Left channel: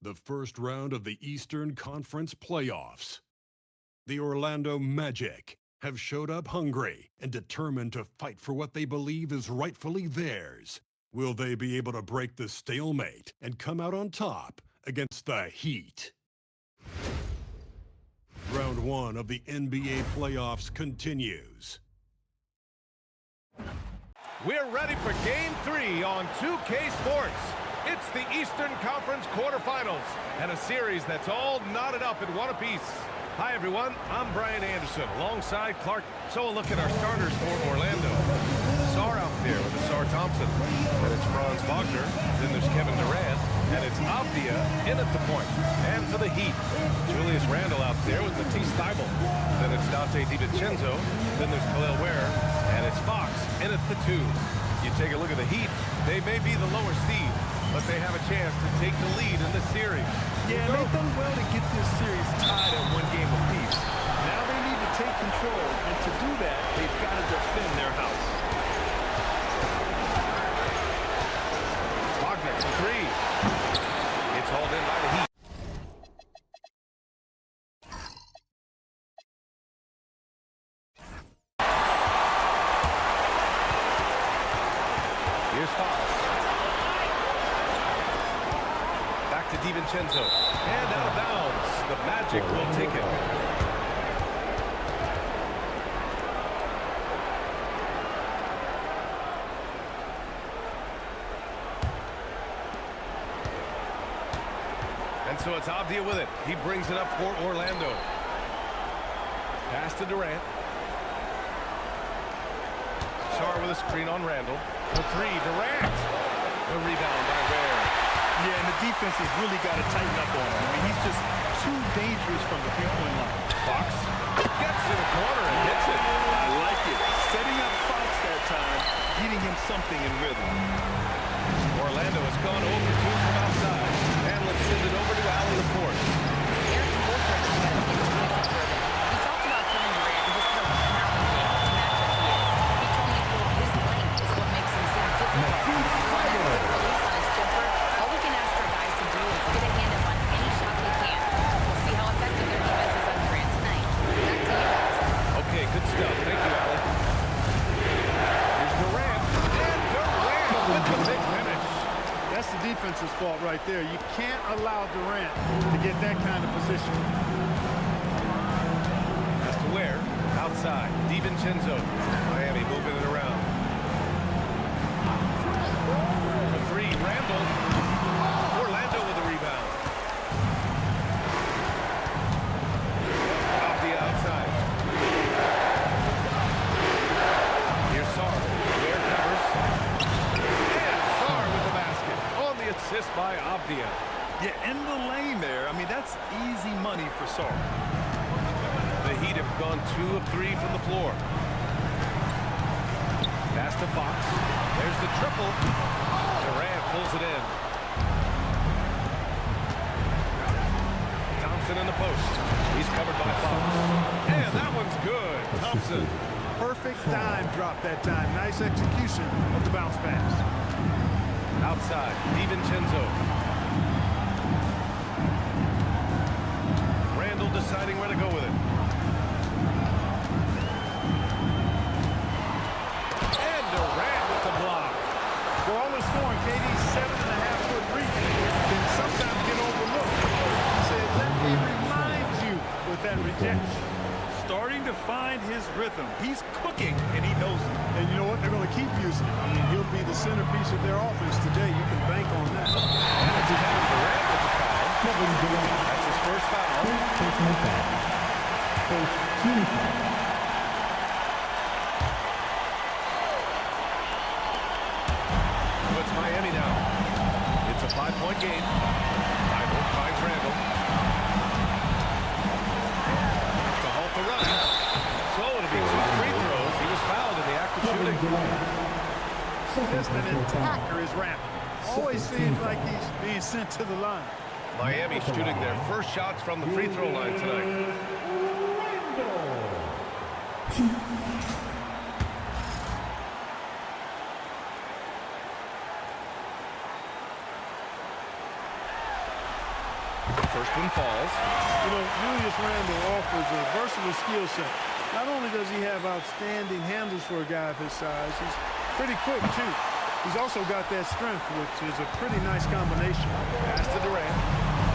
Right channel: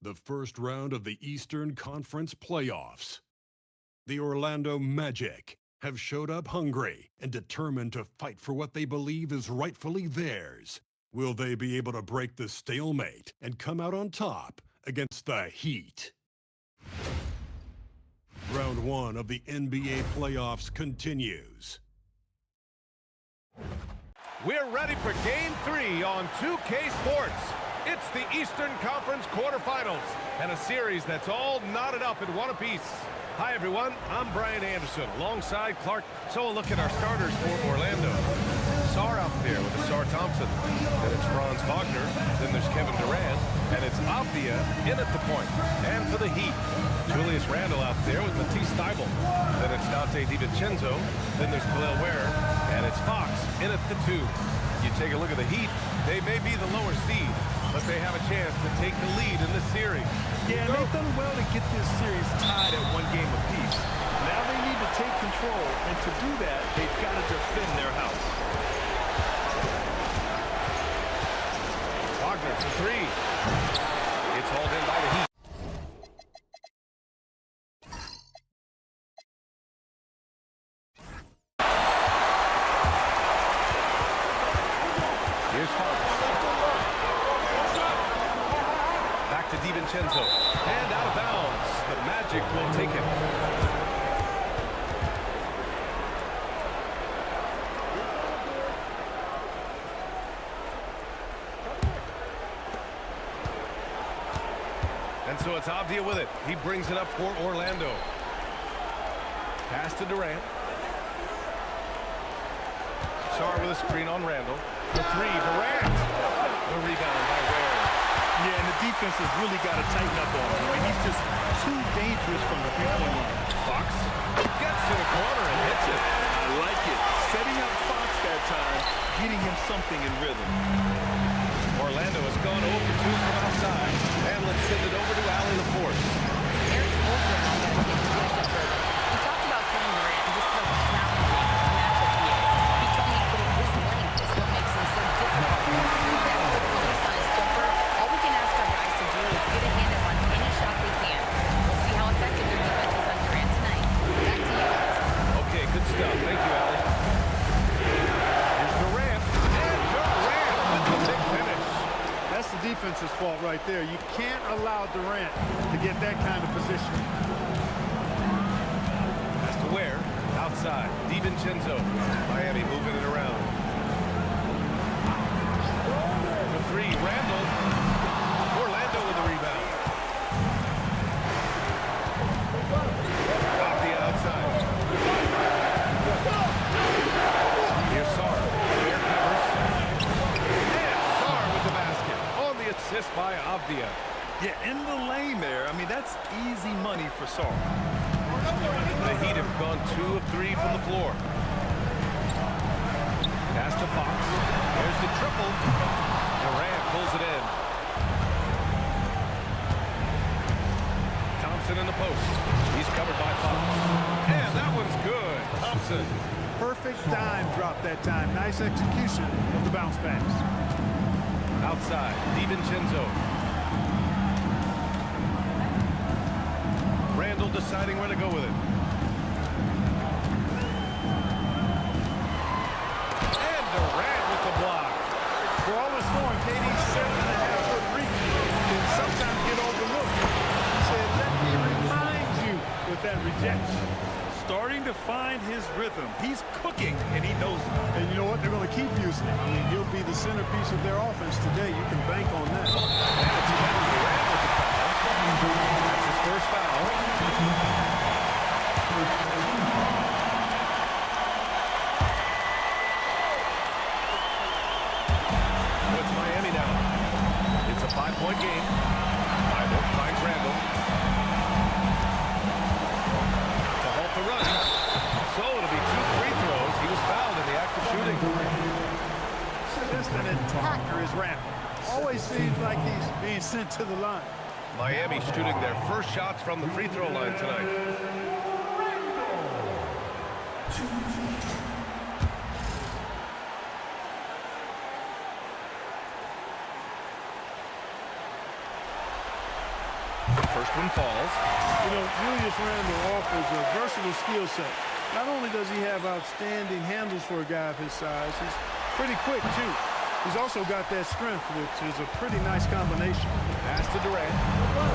The first round of the Eastern Conference playoffs. The Orlando Magic have showed up hungry and determined to fight for what they believe is rightfully theirs. Will they be able to break the stalemate and come out on top against the Heat? Round 1 of the NBA playoffs continues. We're ready for Game 3 on 2K Sports. It's the Eastern Conference quarterfinals and a series that's all knotted up in one apiece. Hi, everyone. I'm Brian Anderson alongside Clark. So a look at our starters for Orlando. Sarr out there with Sarr Thompson. Then it's Franz Wagner. Then there's Kevin Durant. And it's Avdia in at the point. And for the Heat, Julius Randle out there with Matisse Thybulle. Then it's Dante DiVincenzo. Then there's Khalil Ware. And it's Fox in at the 2. You take a look at the Heat, they may be the lower seed, but they have a chance to take the lead in this series. Yeah, and they've done well to get this series tied at 1 game apiece. Now they need to take control, and to do that, they've got to defend their house. Wagner for 3. It's hauled in by the Heat. Here's Fox. Back to DiVincenzo. And out of bounds. The Magic will take it. And so it's Avdia with it. He brings it up for Orlando. Pass to Durant. Sarr with a screen on Randle. For 3, Durant. The rebound by Ware. Yeah, and the defense has really got to tighten up on him. I mean, he's just too dangerous from the three-point line. Fox gets to the corner and hits it. I like it. Setting up Fox that time, getting him something in rhythm. Orlando has gone 0 for 2 from outside. And let's send it over to Allie LaForce. Eric Spoelstra and I got a chance to catch up further. He talked about Kevin Durant and just how challenging a matchup he is. He told me, quote, his length is what makes him so difficult. So on that quick release on his jumper, all we can ask our guys to do is get a hand up on any shot they can. We'll see how effective their defense is on Durant tonight. Back to you guys. Okay, good stuff. Thank you, Allie. Here's Durant. And Durant with the big finish. That's the defense's fault right there. You can't allow Durant to get that kind of position. Has to Ware. Outside. DiVincenzo. Miami moving it around. For 3, Randle. Orlando with the rebound. Off the outside. Here's Sarr. Ware covers. And Sarr with the basket. On the assist by Avdia. Yeah, in the lane there. I mean, that's easy money for Sarr. The Heat have gone 2 of 3 from the floor. Pass to Fox. There's the triple. Durant pulls it in. Thompson in the post. He's covered by Fox. And that one's good. Thompson. Perfect dime drop that time. Nice execution of the bounce pass. Outside. DiVincenzo. Randle deciding where to go with it. And Durant with the block. For all the scoring, KD's 7.5-foot reach can sometimes get overlooked. He said, let me remind you with that rejection. Starting to find his rhythm. He's cooking, and he knows it. And you know what? They're going to keep using him. I mean, he'll be the centerpiece of their offense today. You can bank on that. And it's Kevin Durant with the foul. That's his first foul. First team foul. So it's Miami now. It's a 5-point game. Thybulle finds Randle. To halt the run. So it'll be 2 free throws. He was fouled in the act of shooting. Just an attacker is Randle. Always seems like he's being sent to the line. Miami shooting their first shots from the free throw line tonight. First one falls. You know, Julius Randle offers a versatile skill set. Not only does he have outstanding handles for a guy of his size, he's pretty quick, too. He's also got that strength, which is a pretty nice combination. Pass to Durant.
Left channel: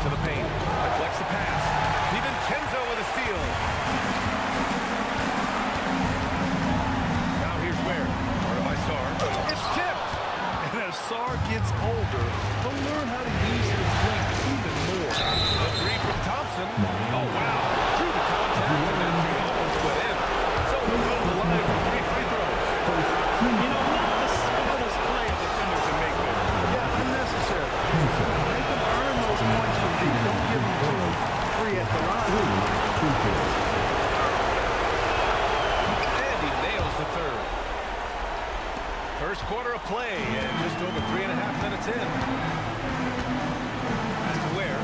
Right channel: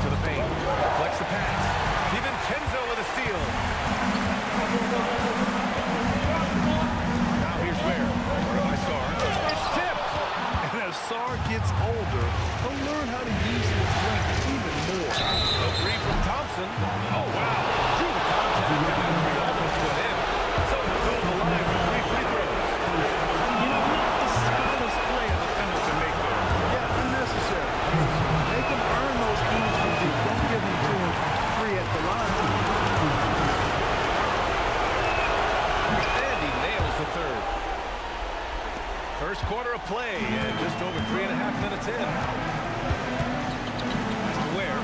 To the paint. Deflects the pass. DiVincenzo with a steal. Now here's where. Guarded by Sarr. It's tipped. And as Sarr gets older, he'll learn how to use his length even more. The three from Thompson. Oh, wow. Drew the contact, and that three almost went in. So he'll go to the line for 3 free throws. You know, not the smartest play a defender can make there. Yeah, unnecessary. Make him earn those points from deep. Don't give them to him free at the line. And he nails the third. First quarter of play, and just over 3.5 minutes in. Pass to Ware.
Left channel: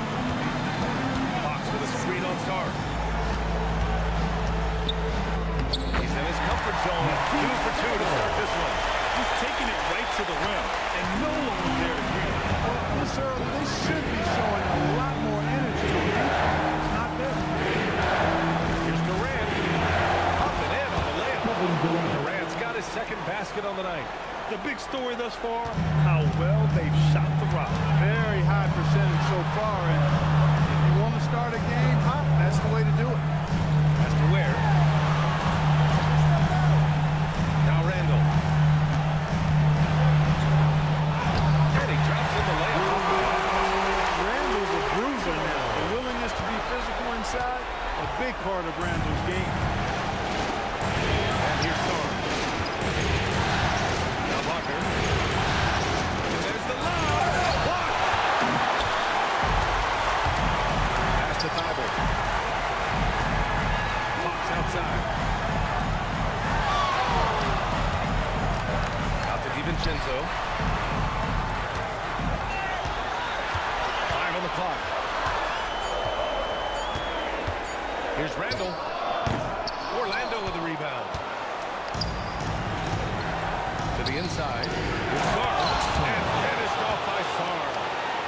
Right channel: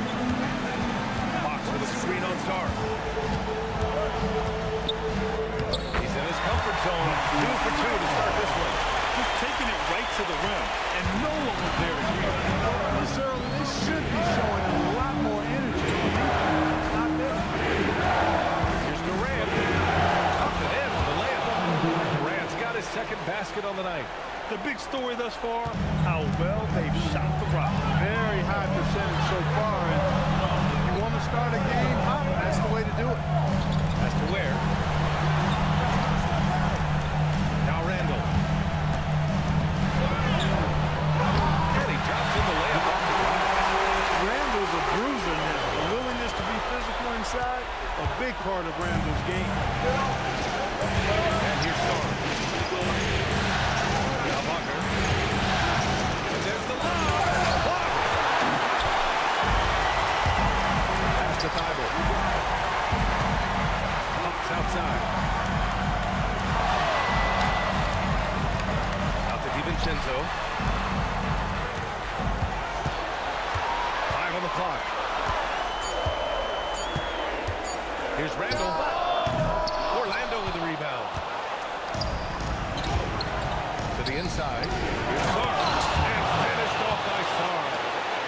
Fox with a screen on Sarr. He's in his comfort zone. 2 for 2 to start this one. Just taking it right to the rim, and no one was there to greet him. This early, they should be showing a lot more energy on defense. It's not there. Here's Durant. Up and in on the layup. Durant's got his second basket on the night. The big story thus far, how well they've shot the rock. Very high percentage so far, and if you want to start a game hot, that's the way to do it. Pass to Ware. Now Randle. And he drops in the layup off the glass. Randle's a bruiser now. The willingness to be physical inside, a big part of Randle's game. And here's Sarr. Now Wagner. And there's the lob. Blocked. Pass to Thibault. Fox outside. Out to DiVincenzo. 5 on the clock. Here's Randle. Orlando with the rebound. To the inside. Here's Sarr. And finished off by Sarr.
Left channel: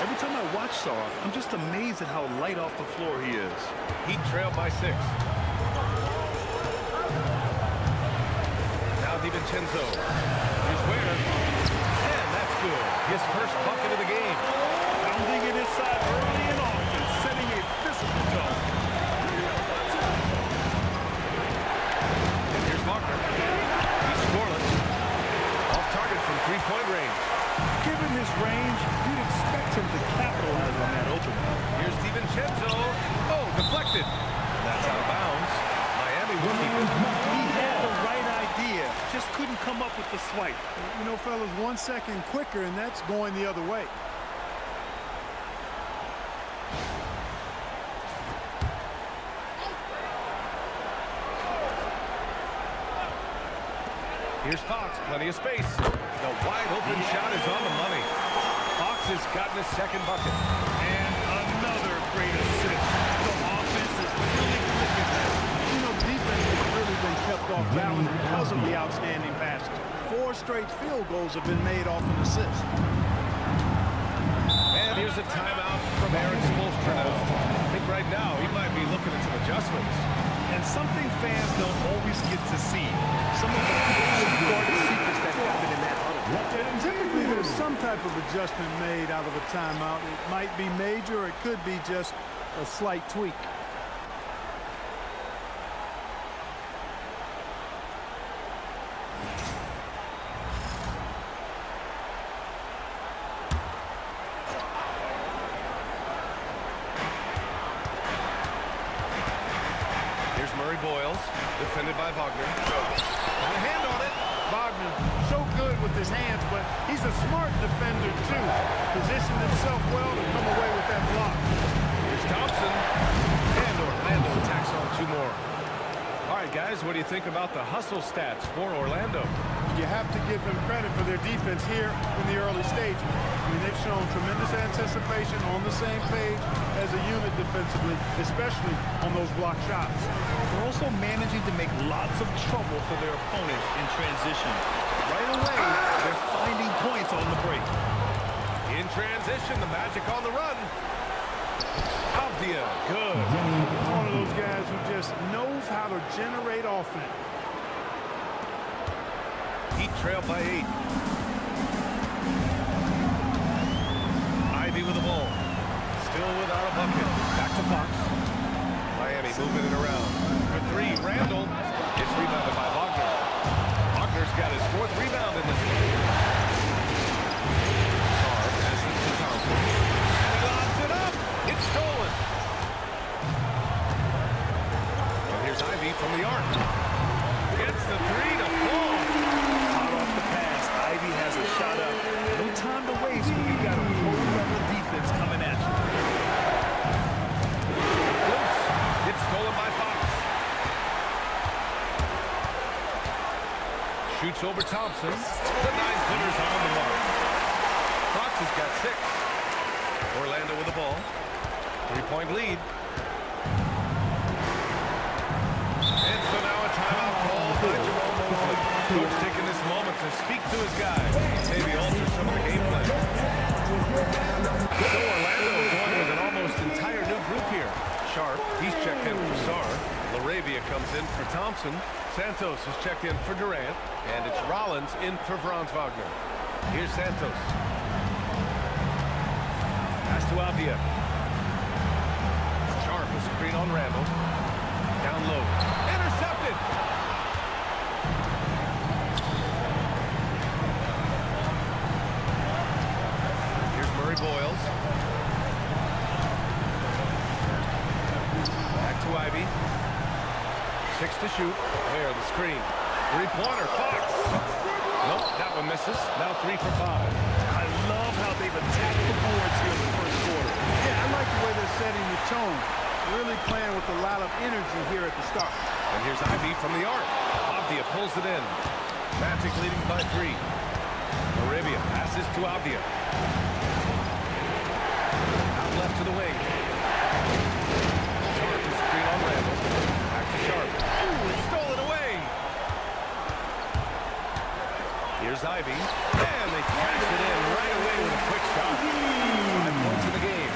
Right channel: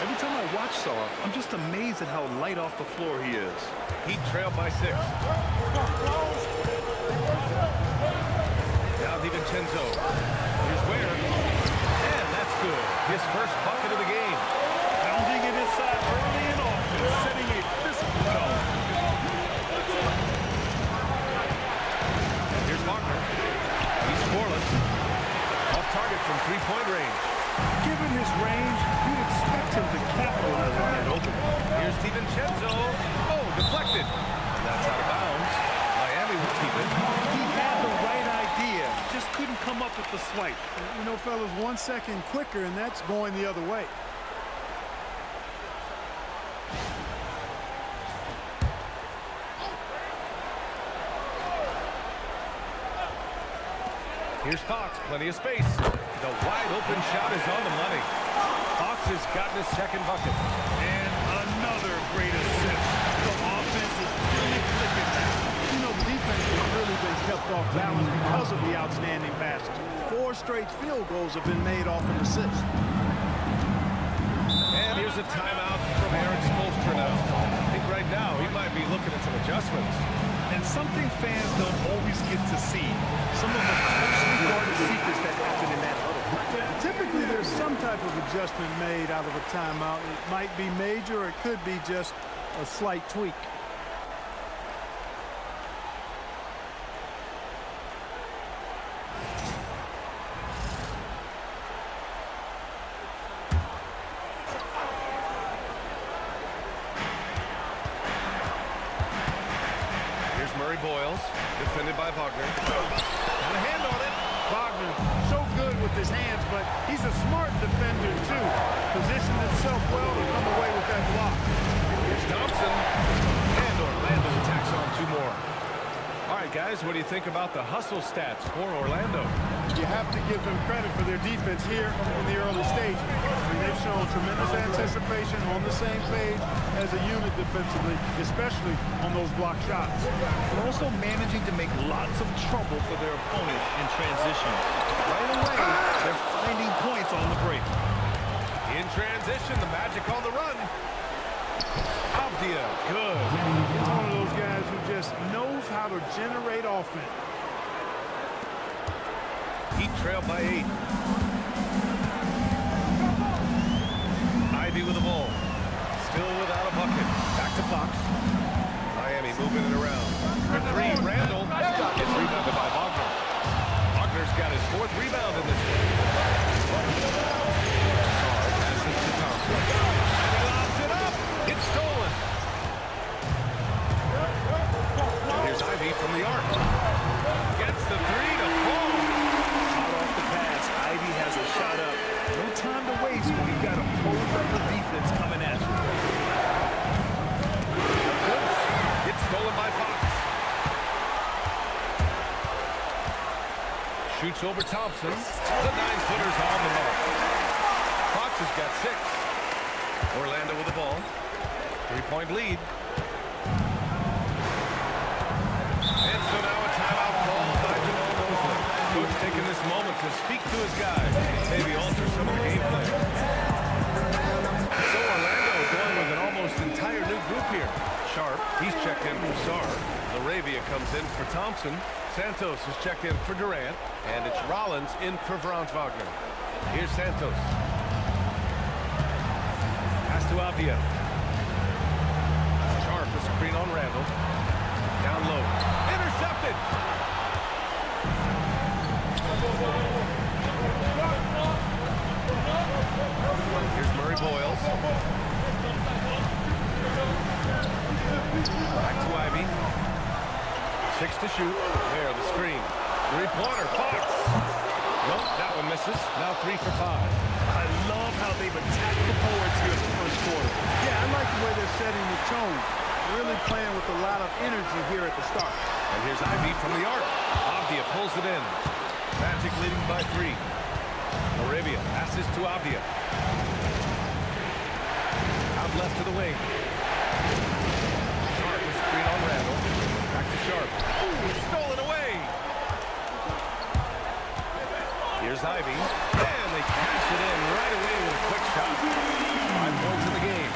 Every time I watch Sarr, I'm just amazed at how light off the floor he is. Heat trailed by 6. Now DiVincenzo. Here's Ware. And that's good. His first bucket of the game. Pounding it inside early and often, setting a physical tone. And here's Wagner. He's scoreless. Off target from 3-point range. Given his range, you'd expect him to capitalize on that opening. Here's DiVincenzo. Oh, deflected. And that's out of bounds. Miami will keep it. He had the right idea, just couldn't come up with the swipe. You know, fellas, 1 second quicker, and that's going the other way. Here's Fox, plenty of space. The wide open shot is on the money. Fox has gotten his second bucket. And another great assist. The offense is really clicking now. You know, the defense has really been kept off balance because of the outstanding passes. 4 straight field goals have been made off an assist. And here's a timeout from Eric Spoelstra now. I think right now he might be looking at some adjustments. And something fans don't always get to see. Some of the closely guarded secrets that happen in that huddle. Yeah, typically there's some type of adjustment made out of a timeout. It might be major or it could be just a slight tweak. Here's Murray Boyles, defended by Wagner. Got a hand on it. Wagner, so good with his hands, but he's a smart defender, too. Positioned himself well to come away with that block. Here's Thompson. And Orlando tacks on 2 more. All right, guys, what do you think about the hustle stats for Orlando? You have to give them credit for their defense here in the early stages. I mean, they've shown tremendous anticipation, on the same page as a unit defensively, especially on those block shots. They're also managing to make lots of trouble for their opponent in transition. Right away, they're finding points on the break. In transition, the Magic on the run. Avdia, good. He's one of those guys who just knows how to generate offense. Heat trail by 8. Ivy with the ball. Still without a bucket. Back to Fox. Miami moving it around. For 3, Randall. Gets rebounded by Wagner. Wagner's got his 4th rebound in this one. Sarr passes to Thompson. And he lobs it up. It's stolen. And here's Ivy from the arc. Gets the 3 to fall. Hot off the pass. Ivy has a shot up. No time to waste when you've got a pro-level defense coming at you. Loose. It's stolen by Fox. Shoots over Thompson. The 9-footer's on the mark. Fox has got 6. Orlando with the ball. 3-point lead. And so now a timeout called by Jamal Mosley. Coach taking this moment to speak to his guys. Maybe alter some of the game plan. So Orlando going with an almost entire new group here. Sharp, he's checked in for Sarr. LaRavia comes in for Thompson. Santos is checked in for Durant. And it's Rollins in for Franz Wagner. Here's Santos. Pass to Avdia. Sharp, a screen on Randall. Down low. Intercepted. Here's Murray Boyles. Back to Ivy. 6 to shoot. There, the screen. 3-pointer. Fox. Nope, that one misses. Now 3 for 5. I love how they've attacked the boards here in the first quarter. Yeah, I like the way they're setting the tone. Really playing with a lot of energy here at the start. And here's Ivy from the arc. Avdia pulls it in. Magic leading by 3. Arabia passes to Avdia. Out left to the wing. Sharp is screen on Randall. Back to Sharp. Oh, it's stolen away. Here's Ivy. And they cash it in right away with a quick shot. 5 points in the game.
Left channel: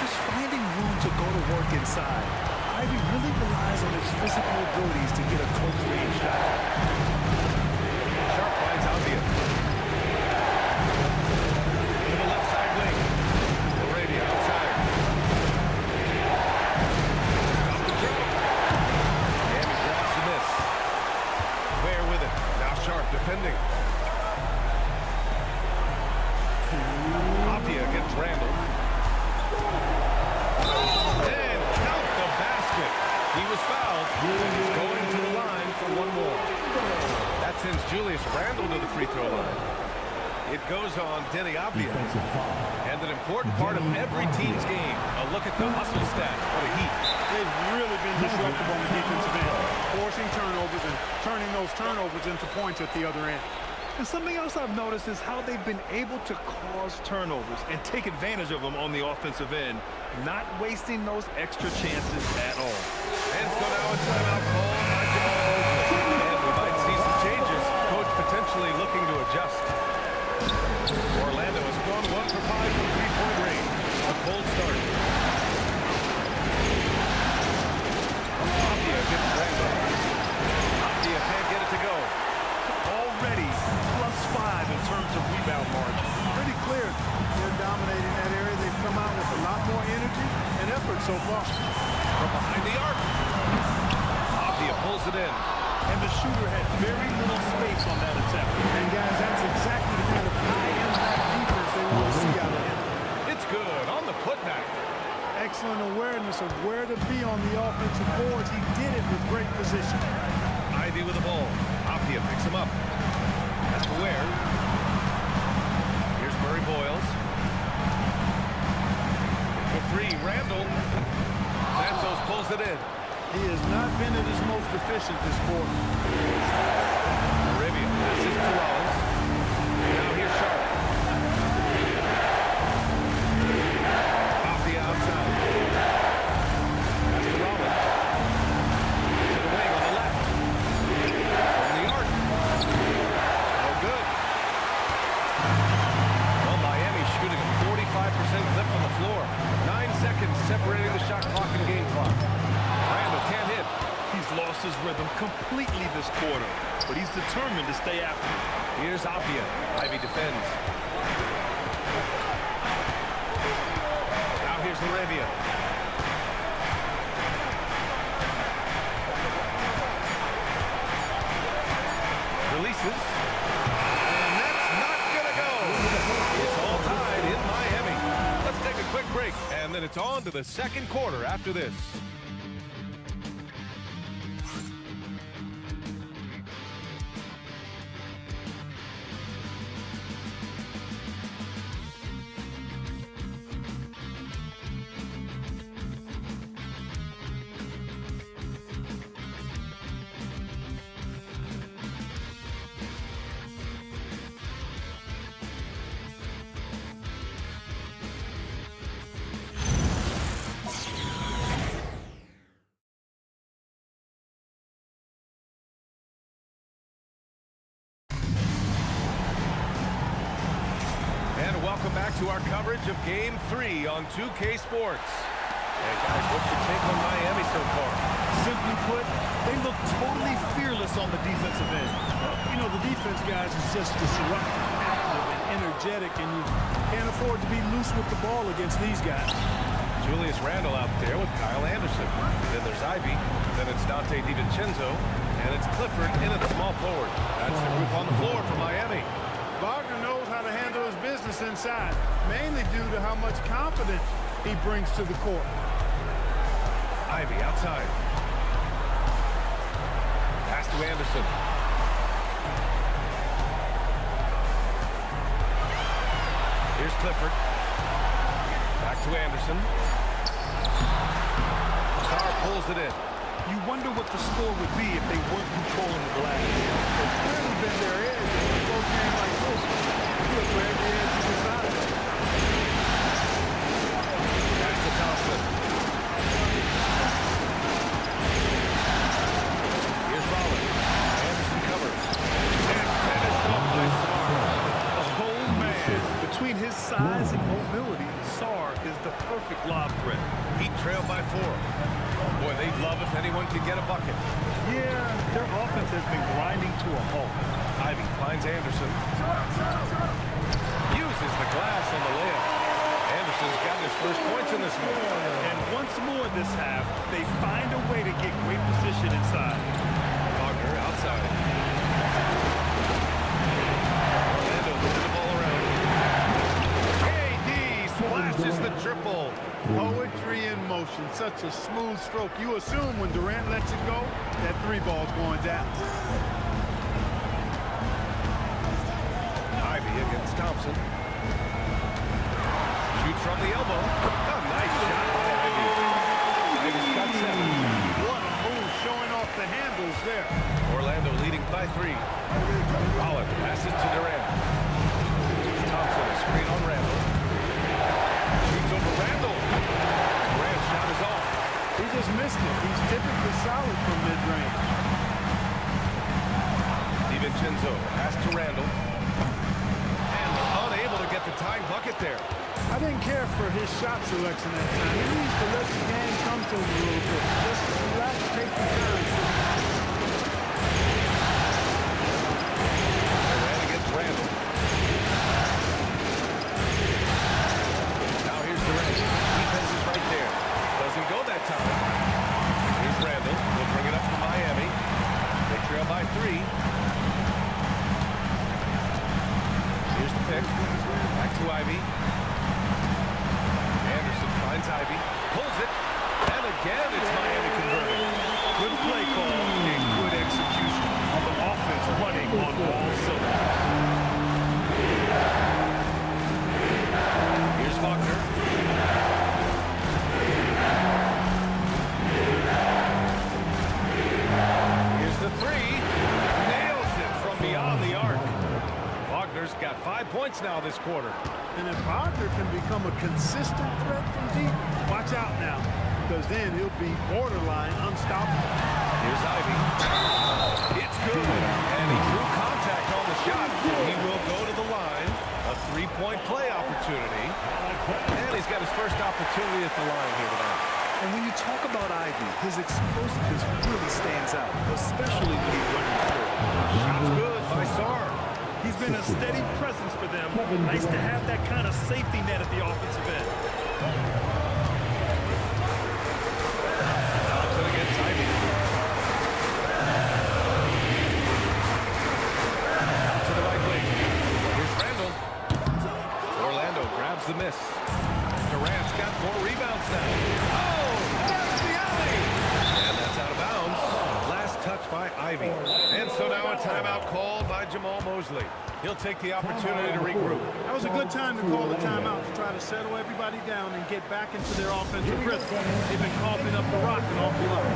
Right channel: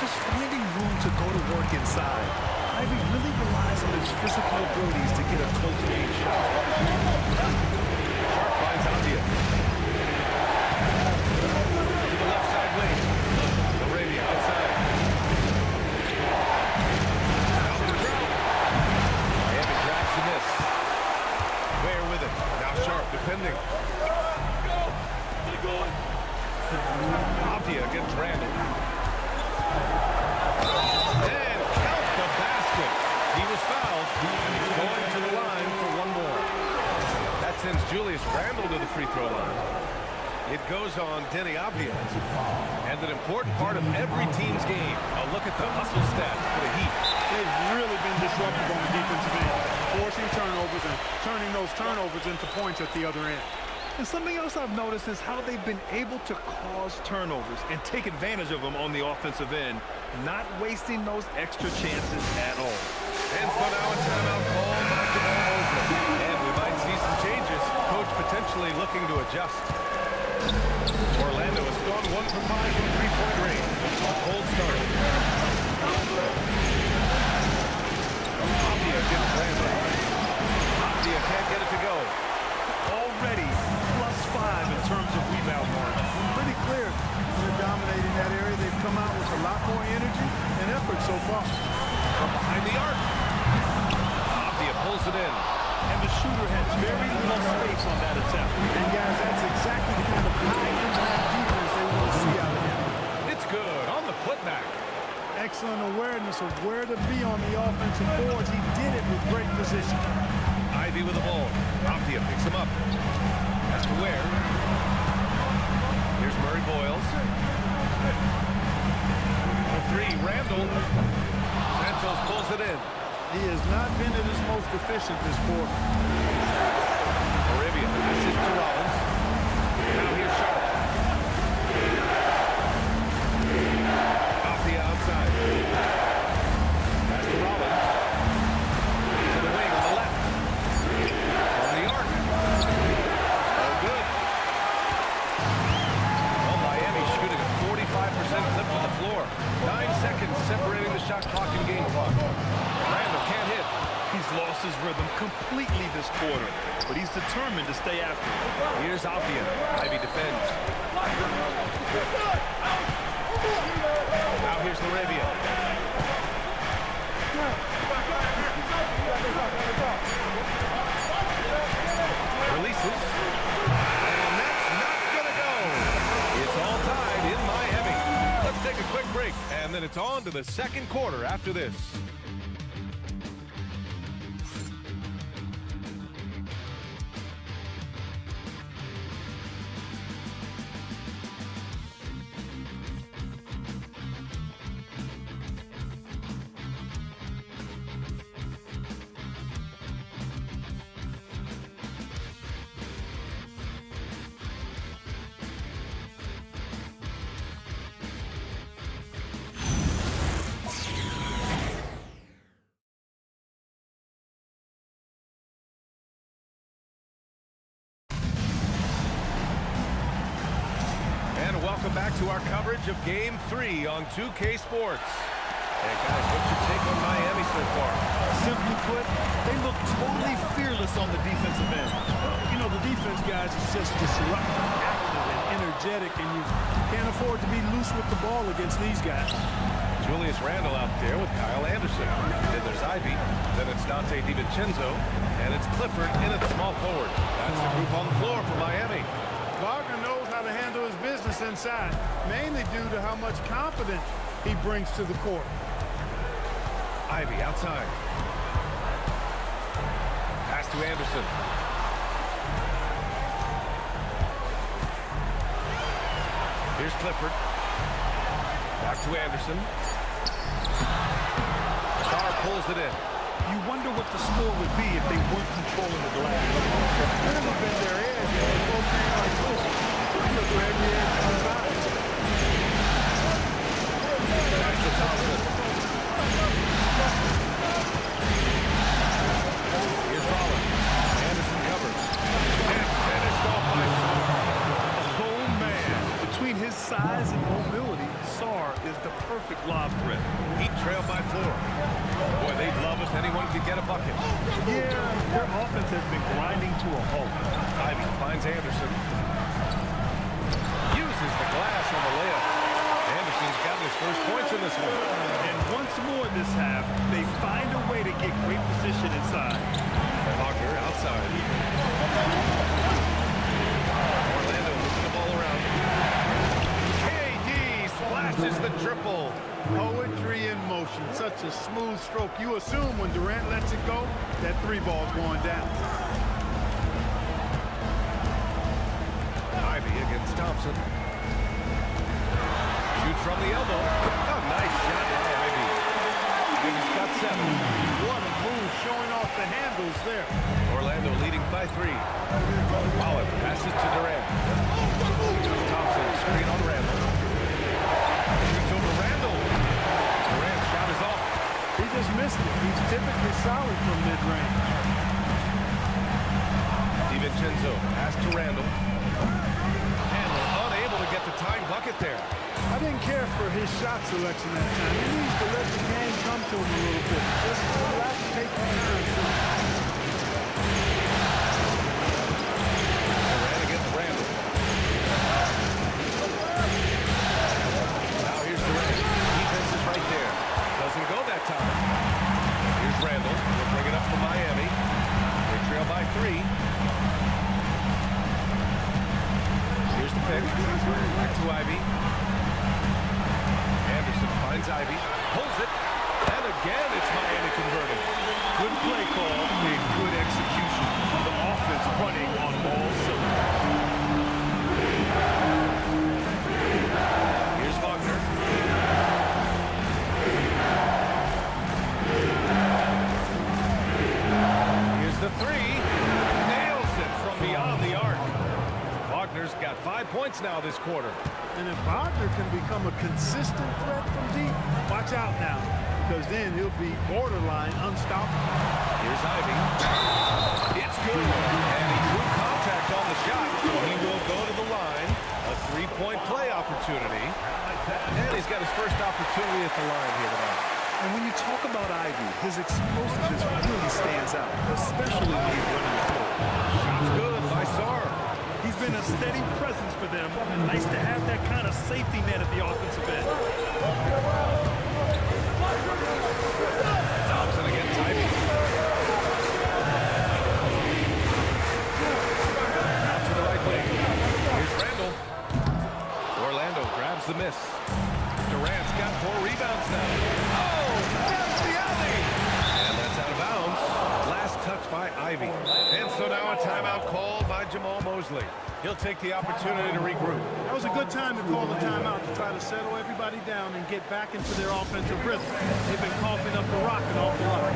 Just finding room to go to work inside. Ivy really relies on his physical abilities to get a close-range shot. Sharp finds Avdia. To the left side wing. Arabia outside. Stop the drought. Miami grabs the miss. Ware with it. Now Sharp defending. Avdia against Randall. And count the basket. He was fouled, and he's going to the line for one more. That sends Julius Randall to the free throw line. It goes on Denny Avdia. And an important part of every team's game. A look at the hustle stats for the Heat. They've really been disruptive on the defensive end, forcing turnovers and turning those turnovers into points at the other end. And something else I've noticed is how they've been able to cause turnovers and take advantage of them on the offensive end, not wasting those extra chances at all. And so now a timeout called by Jamal Mosley. And we might see some changes. Coach potentially looking to adjust. Orlando has gone 1 for 5 from three-point range. A cold start. Avdia gets Randall. Avdia can't get it to go. Already +5 in terms of rebound margin. Pretty clear they're dominating that area. They've come out with a lot more energy and effort so far. From behind the arc. Avdia pulls it in. And the shooter had very little space on that attempt. And guys, that's exactly the kind of high-impact defense they want to see out of him. It's good on the putback. Excellent awareness of where to be on the offensive boards. He did it with great position. Ivy with the ball. Avdia picks him up. Has to Ware. Here's Murray Boyles. For 3, Randall. Santos pulls it in. He has not been at his most efficient this quarter. Arabia passes to Rollins. Now here's Sharp. Avdia outside. Pass to Rollins. To the wing on the left. From the arc. No good. Well, Miami shooting a 45% clip from the floor. 9 seconds separating the shot He's lost his rhythm completely this quarter, but he's determined to stay after it. Here's Apia. Ivy defends. Now here's Laravia. Releases. And that's not gonna go. It's all tied in Miami. Let's take a quick break, and then it's on to the second quarter after this. And welcome back to our coverage of Game 3 on 2K Sports. And guys, what's your take on Miami so far? Simply put, they look totally fearless on the defensive end. Well, you know, the defense, guys, is just disruptive, active, and energetic, and you can't afford to be loose with the ball against these guys. Julius Randle out there with Kyle Anderson. Then there's Ivy. Then it's Dante DiVincenzo. And it's Clifford in at the small forward. That's the group on the floor for Miami. Wagner knows how to handle his business inside, mainly due to how much confidence he brings to the court. Ivy outside. Pass to Anderson. Here's Clifford. Back to Anderson. Carr pulls it in. You wonder what the score would be if they weren't controlling the glass. It's clearly been their edge in a close game like this. You look for every edge you can find. Pass to Thompson. Here's Rollins. Anderson covers. And finished off by Sarr. Oh, man. Between his size and mobility, Sarr is the perfect lob threat. Heat trail by 4. Boy, they'd love if anyone could get a bucket. Yeah, their offense has been grinding to a halt. Ivy finds Anderson. Uses the glass on the layup. Anderson's got his first points in this one. And once more this half, they find a way to get great position inside. Wagner outside. Orlando moving the ball around. KD splashes the triple. Poetry in motion, such a smooth stroke. You assume when Durant lets it go, that three ball's going down. Ivy against Thompson. Shoots from the elbow. A nice shot by Ivy. Ivy's got 7. What a move, showing off the handles there. Orlando leading by 3. Rollins passes to Durant. Thompson, screen on Randle. Shoots over Randle. Durant's shot is off. He just missed it. He's typically solid from mid-range. DiVincenzo pass to Randle. And they're unable to get the tying bucket there. I didn't care for his shot selection that time. He needs to let the game come to him a little bit. Just relax, take your time. Durant against Randle. Now here's Durant. Defense is right there. Doesn't go that time. Here's Randle. He'll bring it up for Miami. They trail by 3. Here's the pick. Back to Ivy. Anderson finds Ivy. Pulls it. And again, it's Miami converting. Good play call and good execution. The offense running on all cylinders. Here's Wagner. Here's the 3. Nails it from beyond the arc. Wagner's got 5 points now this quarter. And if Wagner can become a consistent threat from deep, watch out now, because then he'll be borderline unstoppable. Here's Ivy. It's good. And he drew contact on the shot, so he will go to the line. A 3-point play opportunity. And he's got his first opportunity at the line here tonight. And when you talk about Ivy, his explosiveness really stands out, especially when he's running the floor. Shot's good by Sar. He's been a steady presence for them. Nice to have that kind of safety net at the offensive end. Thompson against Ivy. Out to the right wing. Here's Randall. Orlando grabs the miss. Durant's got 4 rebounds now. Oh, there's the alley. And that's out of bounds. Last touch by Ivy. And so now a timeout called by Jamal Mosley. He'll take the opportunity to regroup. That was a good time to call a timeout to try to settle everybody down and get back into their offensive rhythm. They've been coughing up the rock an awful lot.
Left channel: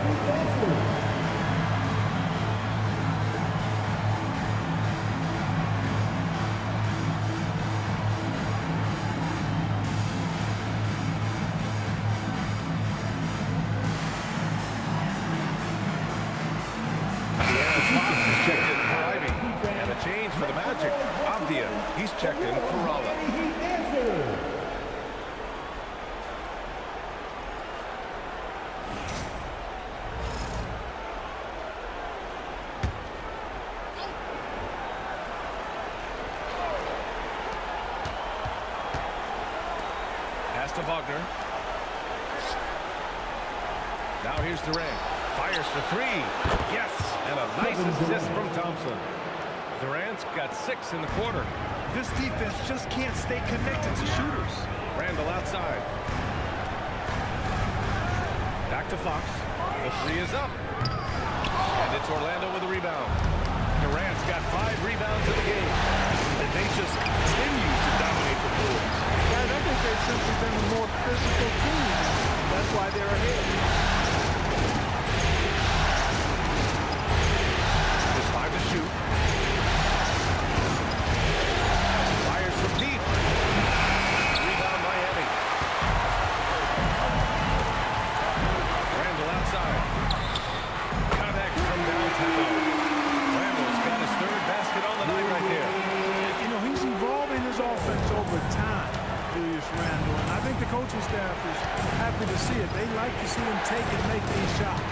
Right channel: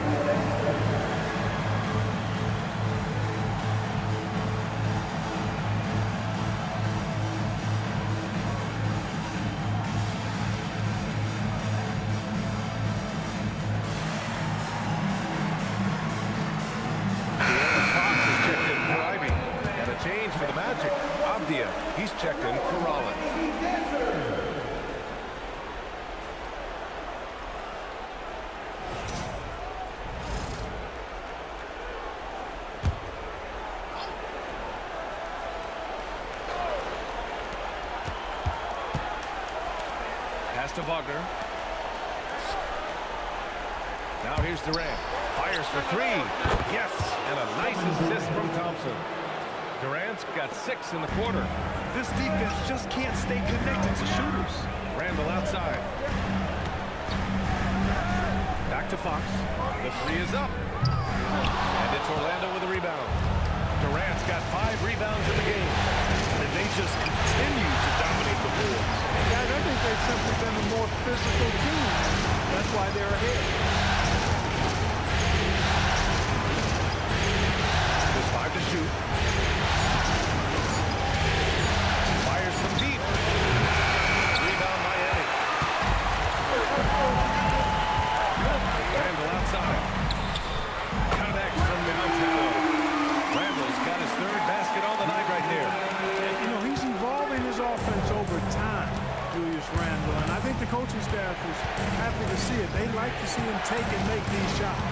Fox is checked in for Ivy. And a change for the Magic. Avdia, he's checked in for Rollins. Pass to Wagner. Now here's Durant. Fires for 3. Yes, and a nice assist from Thompson. Durant's got 6 in the quarter. This defense just can't stay connected to shooters. Randall outside. Back to Fox. The 3 is up. And it's Orlando with a rebound. Durant's got 5 rebounds in the game. And they just continue to dominate the boards. Guys, I think they've simply been a more physical team. That's why they're ahead. There's 5 to shoot. Fires from deep. Rebound Miami. Randall outside. Connects from downtown. Randall's got his 3rd basket on the night right there. And, you know, he's evolving his offense over time, Julius Randle, and I think the coaching staff is happy to see it. They like to see him take and make these shots.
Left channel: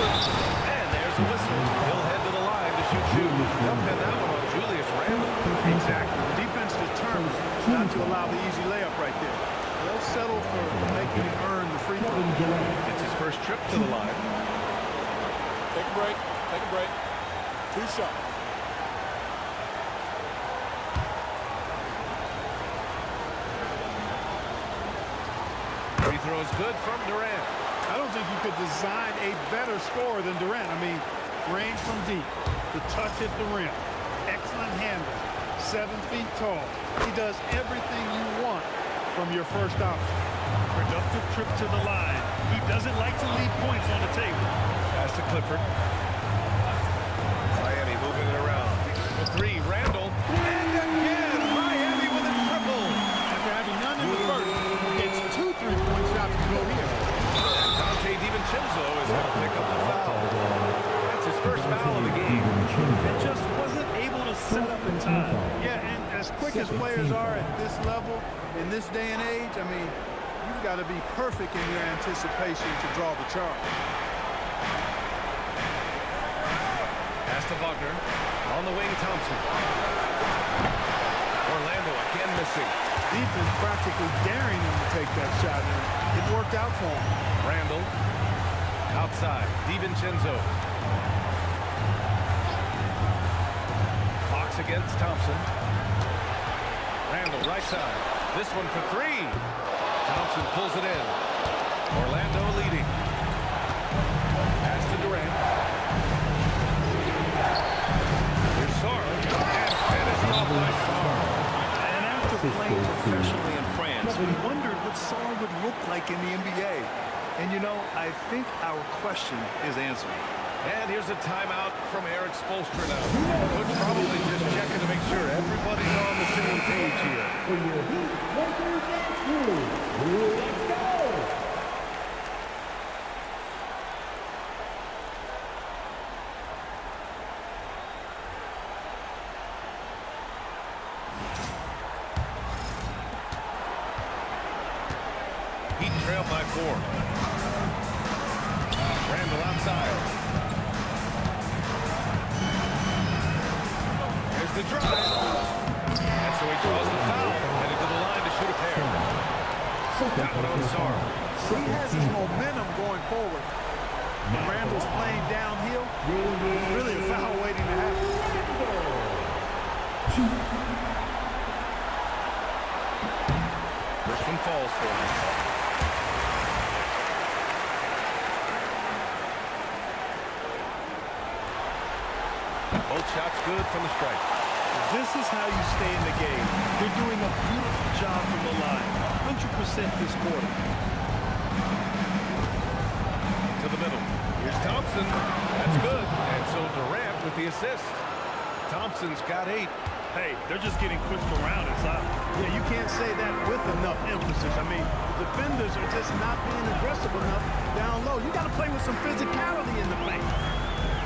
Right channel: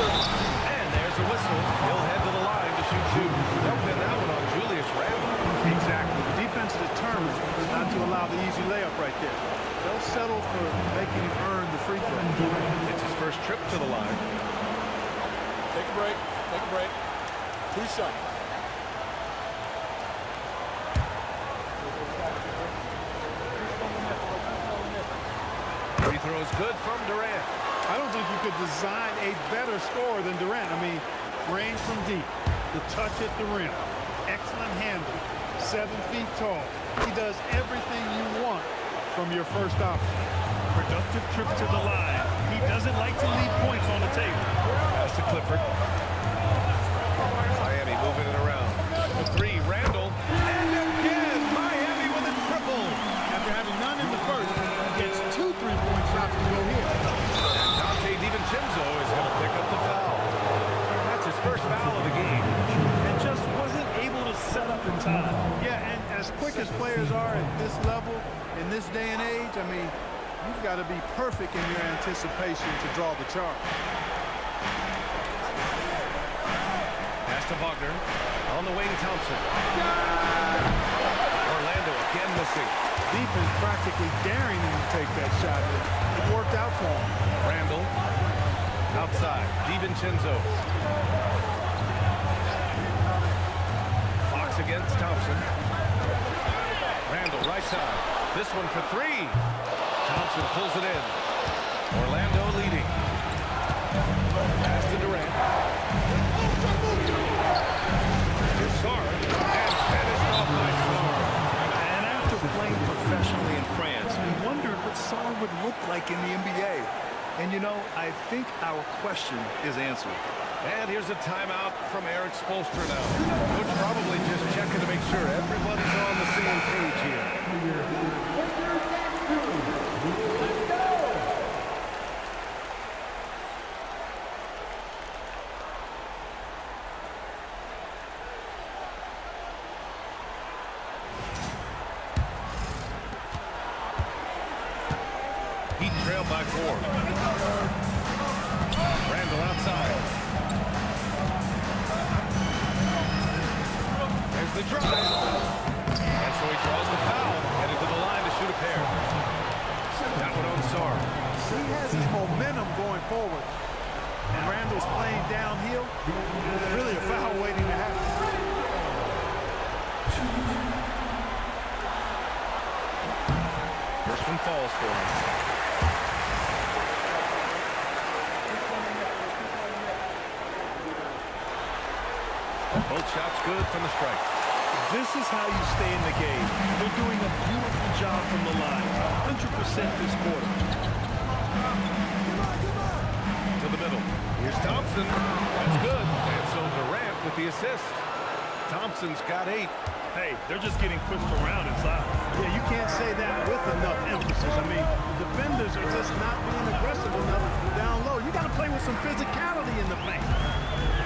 And there's a whistle. He'll head to the line to shoot 2. They'll pin that one on Julius Randle. Exactly. The defense is determined not to allow the easy layup right there. They'll settle for making him earn the free throw. It's his first trip to the line. Take a break. Take a break. 2 shots. Free throw is good from Durant. I don't think you could design a better scorer than Durant. I mean, range from deep, the touch at the rim, excellent handle, 7 feet tall. He does everything you want from your first option. Productive trip to the line. He doesn't like to leave points on the table. Pass to Clifford. Miami moving it around. The 3, Randall. And again, Miami with a triple. After having none in the first, gets 2 3-point shots to go here. And Dante DiVincenzo is going to pick up the foul. That's his first foul of the game. And just wasn't able to set up in time. Yeah, and as quick as players are at this level, in this day and age, I mean, you've got to be perfect in your anticipation to draw the charge. Pass to Wagner. On the wing, Thompson. Orlando again missing. Defense practically daring him to take that shot, and it worked out for him. Randall. Outside. DiVincenzo. Fox against Thompson. Randall right side. This one for 3. Thompson pulls it in. Orlando leading. Pass to Durant. Here's Sar. And finished off by Sar. And after playing professionally in France, we wondered what Sar would look like in the NBA. And, you know, I think our question is answered. And here's a timeout from Eric Spoelstra now. Coach probably just checking to make sure everybody's on the same page here. Let's go! trail by 4. Randall outside. There's the drive. And so he draws the foul, headed to the line to shoot a pair. That one on Sarr. He has his momentum going forward. When Randall's playing downhill, it's really a foul waiting to happen. First one falls for him. Both shots good from the stripe. This is how you stay in the game. They're doing a beautiful job from the line. 100% this quarter. To the middle. Here's Thompson. That's good. And so Durant with the assist. Thompson's got 8. Hey, they're just getting pushed around inside. Yeah, you can't say that with enough emphasis. I mean, the defenders are just not being aggressive enough down low. You got to play with some physicality in the paint.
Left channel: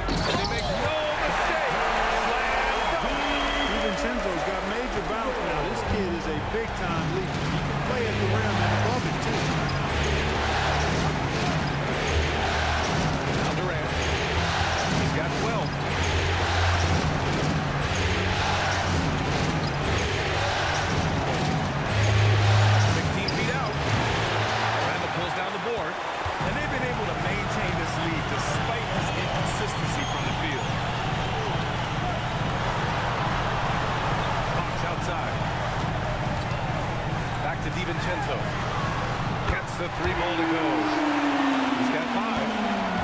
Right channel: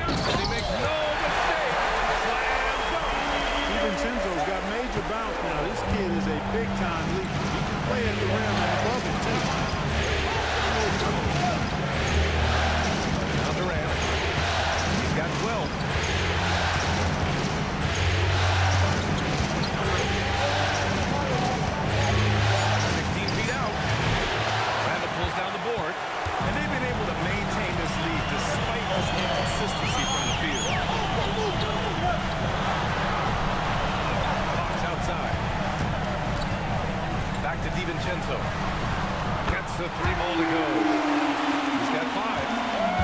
And he makes no mistake. Slam dunk. DiVincenzo's got major bounce now. This kid is a big-time leaper. He can play at the rim and above it, too. Now Durant. He's got 12. Pulls down the board, and they've been able to maintain this lead despite his inconsistency from the field. Fox outside. Back to DiVincenzo. Gets the 3 ball to go. He's got 5.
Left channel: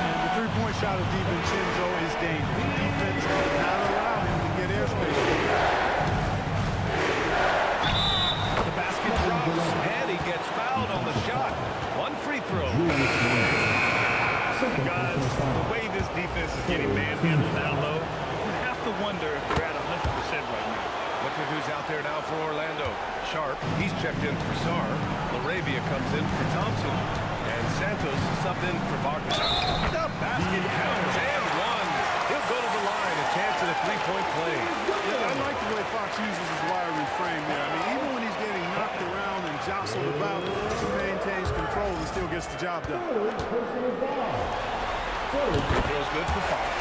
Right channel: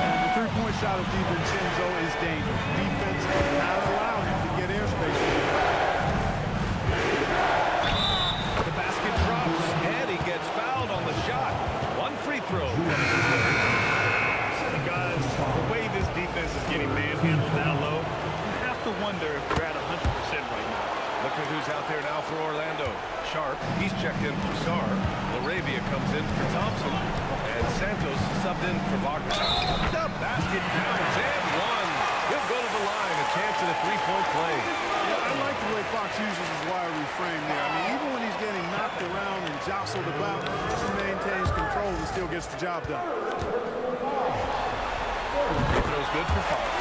And the three-point shot of DiVincenzo is dangerous. Defense cannot allow him to get airspace. The basket drops, and he gets fouled on the shot. 1 free throw coming his way. Guys, the way this defense is getting manhandled down low, you have to wonder if they're at 100% right now. Look at who's out there now for Orlando. Sharp, he's checked in for Sarr. LaRavia comes in for Thompson. And Santos subbed in for Wagner. The basket counts, and 1. He'll go to the line, a chance at a 3-point play. Yeah, I like the way Fox uses his wiry frame there. I mean, even when he's getting knocked around and jostled about, he maintains control and still gets the job done. Free throw's good for Fox.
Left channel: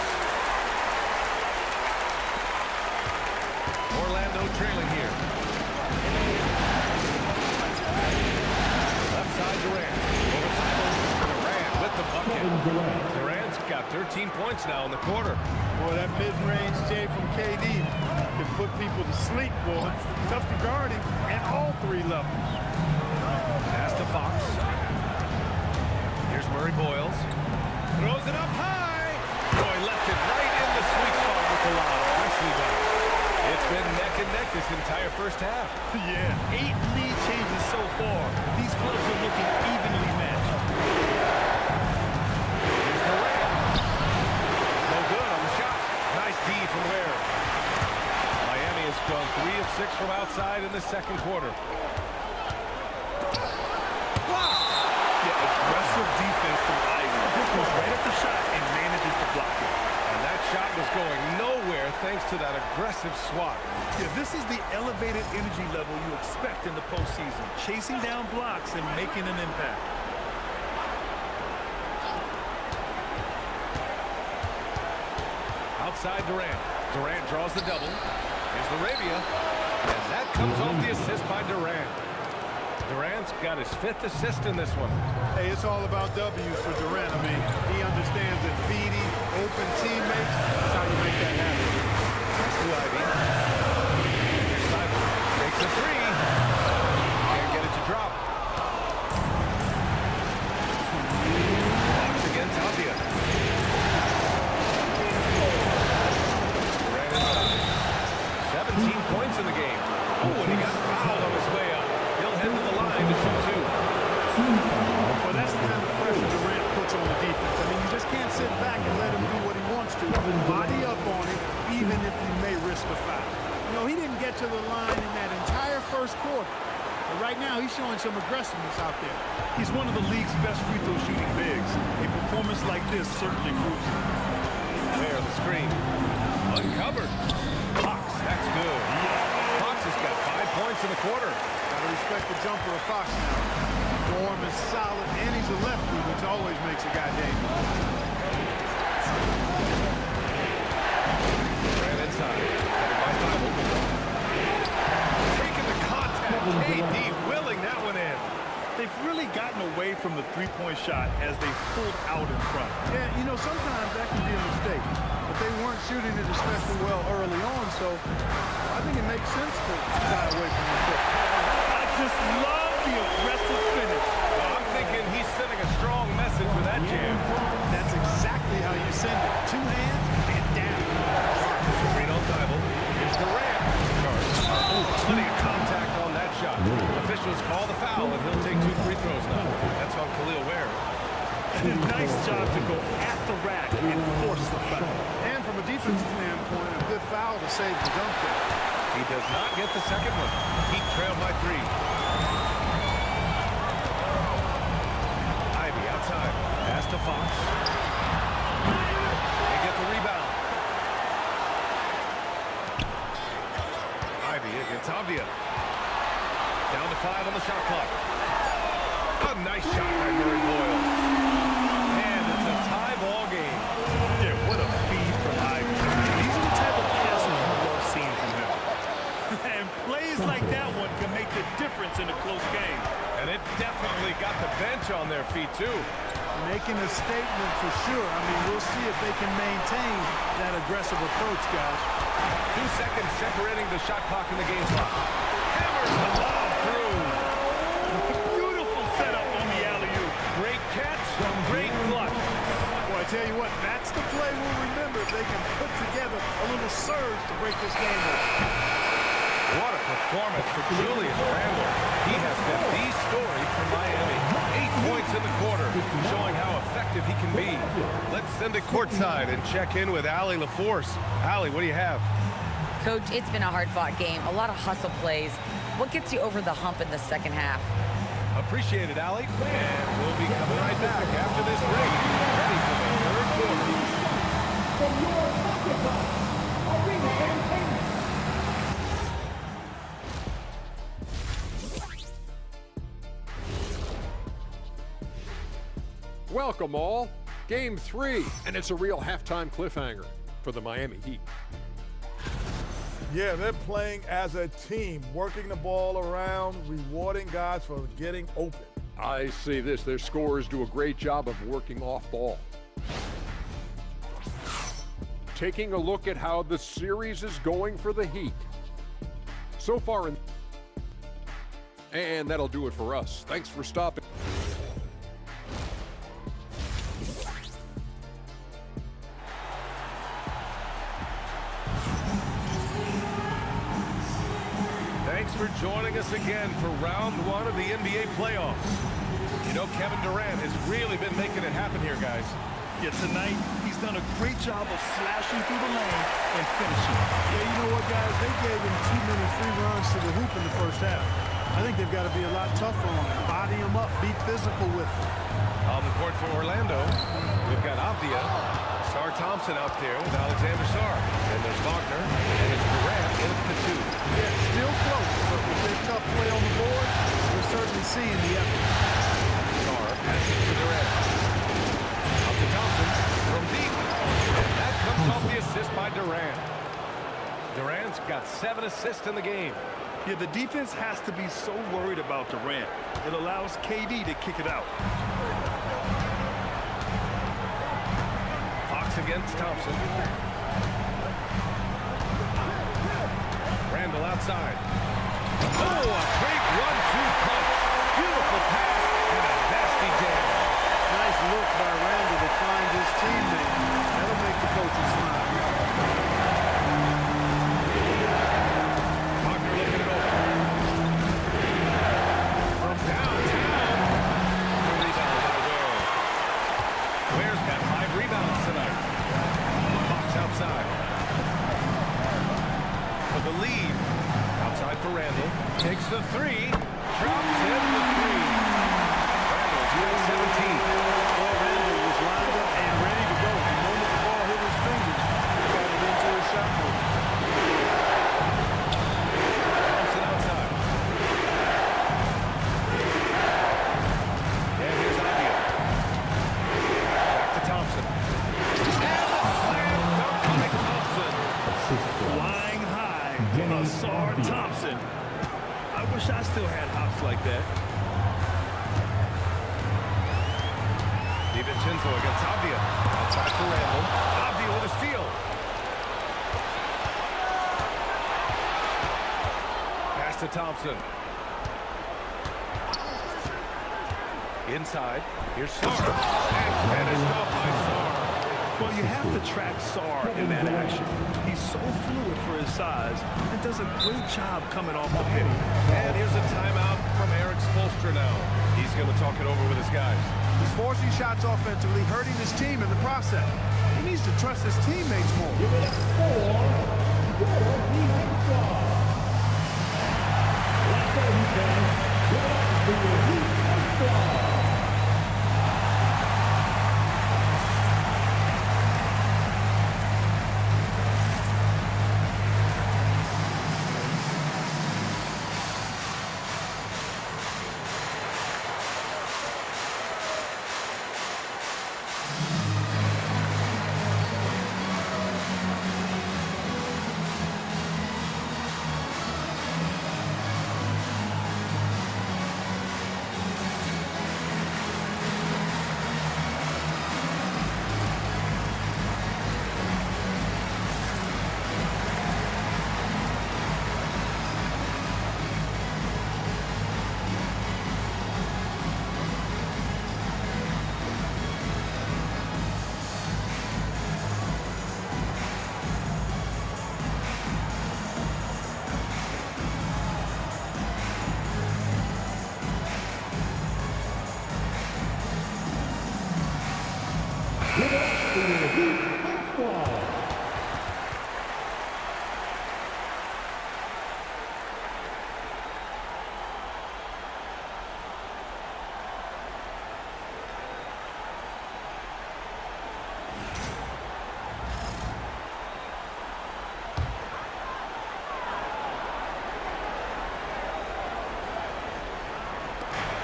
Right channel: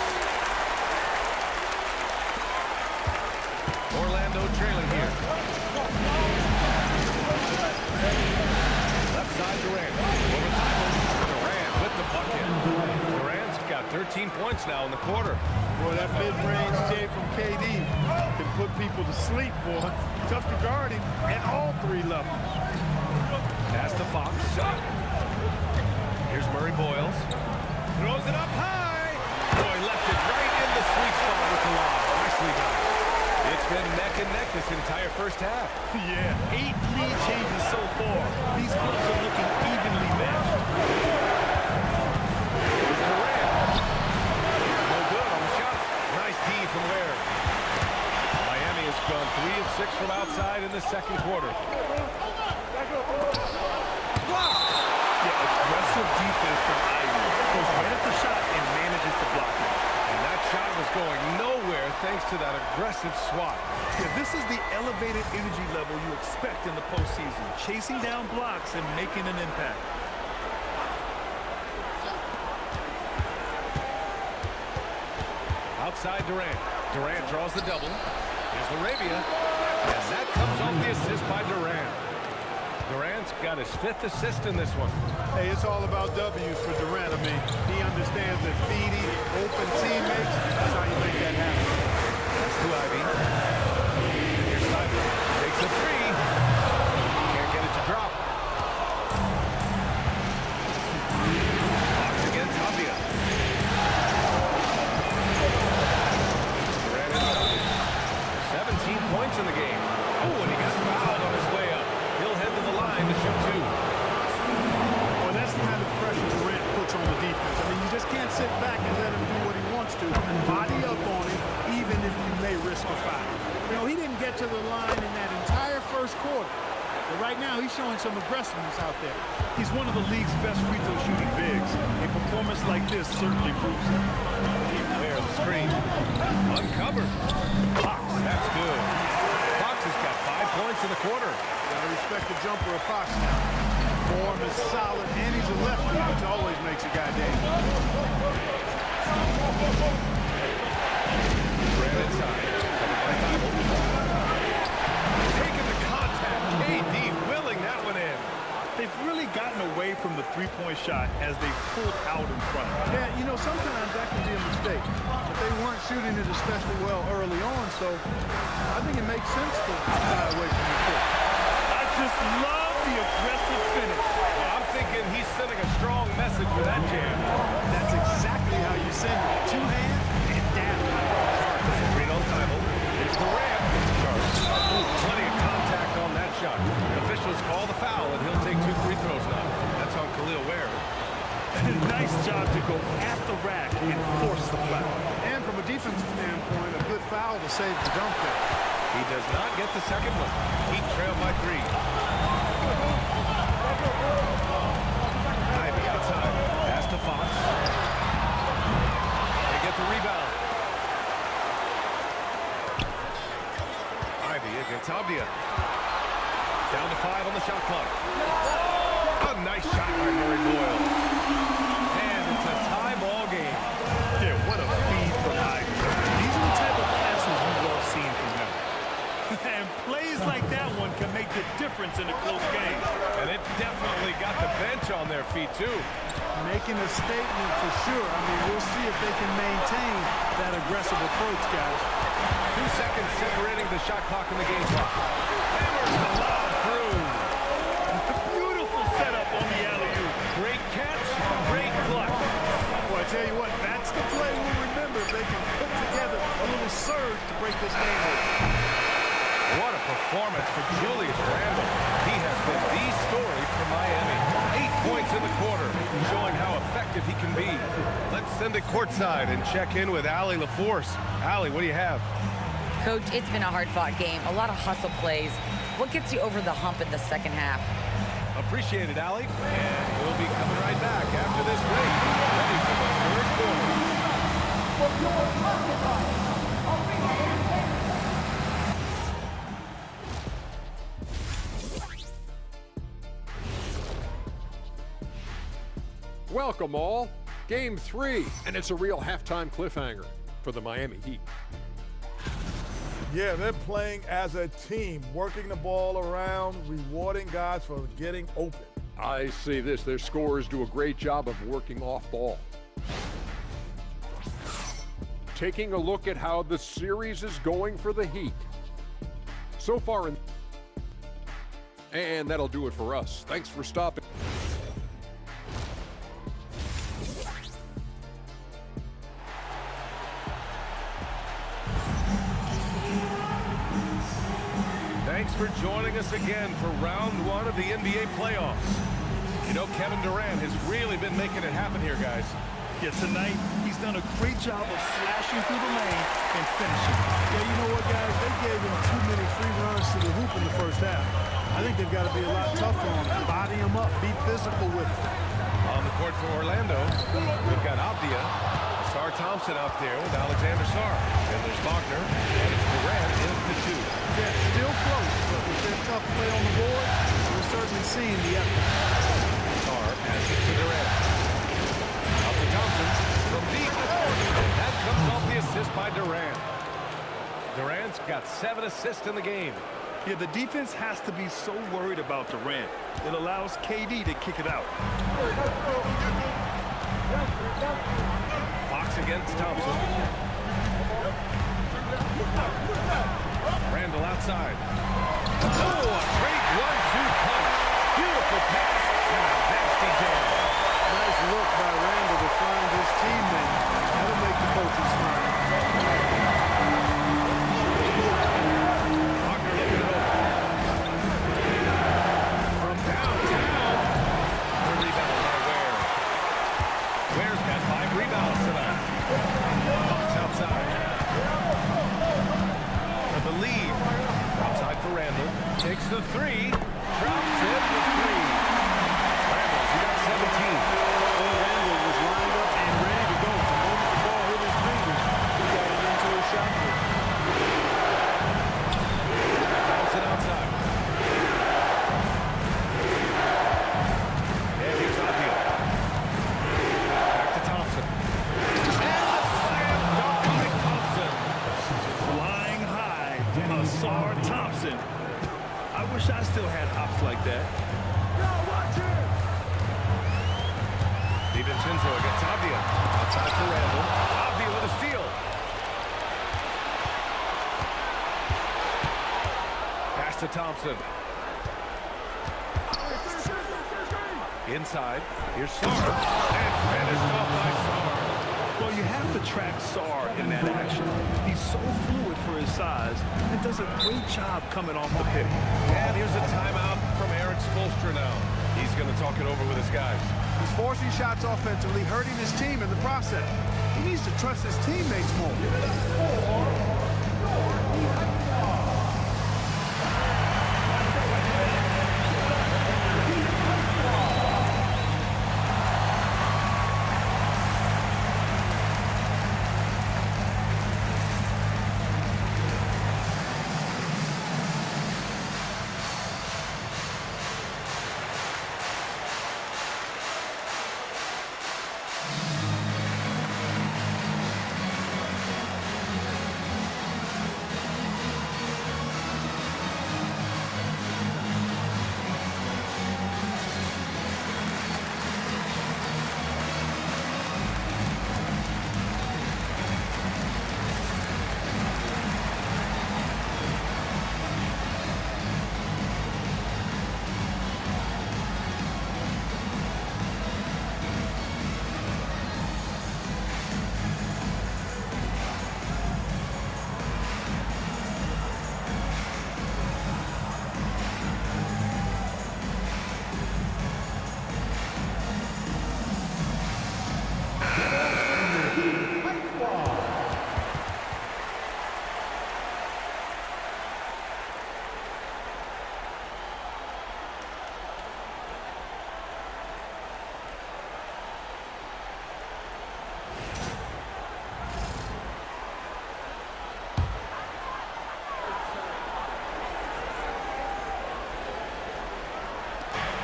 Orlando trailing here. Left side Durant. Over Thibault. Durant with the bucket. Durant's got 13 points now in the quarter. Boy, that mid-range J from KD can put people to sleep, boy. Tough to guard him at all 3 levels. Pass to Fox. Here's Murray Boyles. Throws it up high. Boy, left it right in the sweet spot with the lob. Nicely done. It's been neck and neck this entire first half. Yeah, 8 lead changes so far. These clubs are looking evenly matched. Here's Durant. No good on the shot. Nice D from Ware. Miami has gone 3 of 6 from outside in the second quarter. Blocked. Yeah, aggressive defense from Ivy. Goes right at the shot and manages to block it. And that shot was going nowhere thanks to that aggressive swat. Yeah, this is the elevated energy level you expect in the postseason. Chasing down blocks and making an impact. Outside Durant. Durant draws the double. Here's LaRavia. And that comes off the assist by Durant. Durant's got his 5th assist in this one. Hey, it's all about W's for Durant. I mean, he understands that feeding open teammates, that's how you make that happen. That's to Ivy. Here's Thibault. Takes a 3. Can't get it to drop. Fox again, Tapia. Durant inside. 17 points in the game. Oh, and he got fouled on his way up. He'll head to the line to shoot 2. Well, that's the kind of pressure Durant puts on the defense. I mean, you just can't sit back and let him do what he wants to. Body up on him, even if you may risk a foul. You know, he didn't get to the line in that entire first quarter. But right now, he's showing some aggressiveness out there. He's one of the league's best free throw shooting bigs. A performance like this certainly proves it. There, the screen. Uncovered. Fox, that's good. Fox has got 5 points in the quarter. Got to respect the jumper of Fox now. Form is solid, and he's a lefty, which always makes a guy dangerous. Ran inside, covered by Thibault. Taking the contact, KD willing that one in. They've really gotten away from the three-point shot as they pulled out in front. Yeah, you know, sometimes that can be a mistake, but they weren't shooting it especially well early on, so I think it makes sense to shy away from the trick. I just love the aggressive finish. I'm thinking he's sending a strong message with that jam. That's exactly how you send it. Two hands and down. Sharp is green on Thibault. Here's Durant. Sharp. Ooh, plenty of contact on that shot. Officials call the foul, and he'll take 2 free throws now. That's on Khalil Ware. Nice job to go at the rack and force the foul. And from a defensive standpoint, a good foul to save the dunk there. He does not get the second one. Heat trailed by 3. Ivy outside. Pass to Fox. They get the rebound. Ivy against Avdia. Down to 5 on the shot clock. A nice shot by Murray Boyle. And it's a tie ball game. Yeah, what a feed from Ivy. These are the type of passes you love seeing from him. And plays like that one can make the difference in a close game. And it definitely got the bench on their feet, too. Making a statement for sure. I mean, we'll see if they can maintain that aggressive approach, guys. 2 seconds separating the shot clock in the game clock. Hammers the lob through. Beautiful setup on the alley-oop. Great catch, great flush. Well, I tell you what, that's the play we'll remember if they can put together a little surge to break this game open. What a performance for Julius Randle. He has been the story for Miami. 8 points in the quarter, showing how effective he can be. Let's send it courtside and check in with Allie LaForce. Allie, what do you have? Coach, it's been a hard-fought game, a lot of hustle plays. What gets you over the hump in the second half? Appreciate it, Allie. And we'll be coming right back after this break, ready for the third quarter. For your Occupy Arena Entertainment. Welcome all. Game 3, and it's a real halftime cliffhanger for the Miami Heat. Yeah, they're playing as a team, working the ball around, rewarding guys for getting open. I see this. Their scorers do a great job of working off ball. Taking a look at how the series is going for the Heat. So far and that'll do it for us. Thanks for stopping. Thanks for joining us again for round 1 of the NBA playoffs. You know, Kevin Durant has really been making it happen here, guys. Yeah, tonight, he's done a great job of slashing through the lane and finishing. Yeah, you know what, guys? They gave him too many free runs to the hoop in the first half. I think they've got to be a lot tougher on him. Body him up, be physical with him. On the court for Orlando, we've got Avdia, Sar Thompson out there with Alexander Sar. Then there's Wagner, and it's Durant in at the 2. Yeah, still close, but with their tough play on the board, we're certainly seeing the effort. Sar passes to Durant. Out to Thompson from deep. And that comes off the assist by Durant. Durant's got 7 assists in the game. Yeah, the defense has to be so worried about Durant. It allows KD to kick it out. Fox against Thompson. Randle outside. Oh, a great 1-2 punch. Beautiful pass and a nasty jam. Nice look by Randle to find his teammate. That'll make the coaches smile. Wagner looking it over. From downtown. The rebound by Ware. Ware's got 5 rebounds tonight. Fox outside. For the lead. Outside for Randle. Takes the 3. Drops in the 3. Randle's got 17. Well, Randle was lined up and ready to go. The moment the ball hit his fingers, he got it into his shot move. Thompson outside. to Thompson. And the slam dunk by Thompson. Flying high, Asar Thompson. I wish I still had hops like that. DiVincenzo against Avdia. Outside for Randall. Avdia with a steal. Pass to Thompson. Inside. Here's Sarr. And finished off by Sarr. Well, you have to track Sarr in that action. He's so fluid for his size and does a great job coming off the pick. And here's a timeout from Eric Spoelstra now. He's going to talk it over with his guys. He's forcing shots offensively, hurting his team in the process. He needs to trust his teammates more.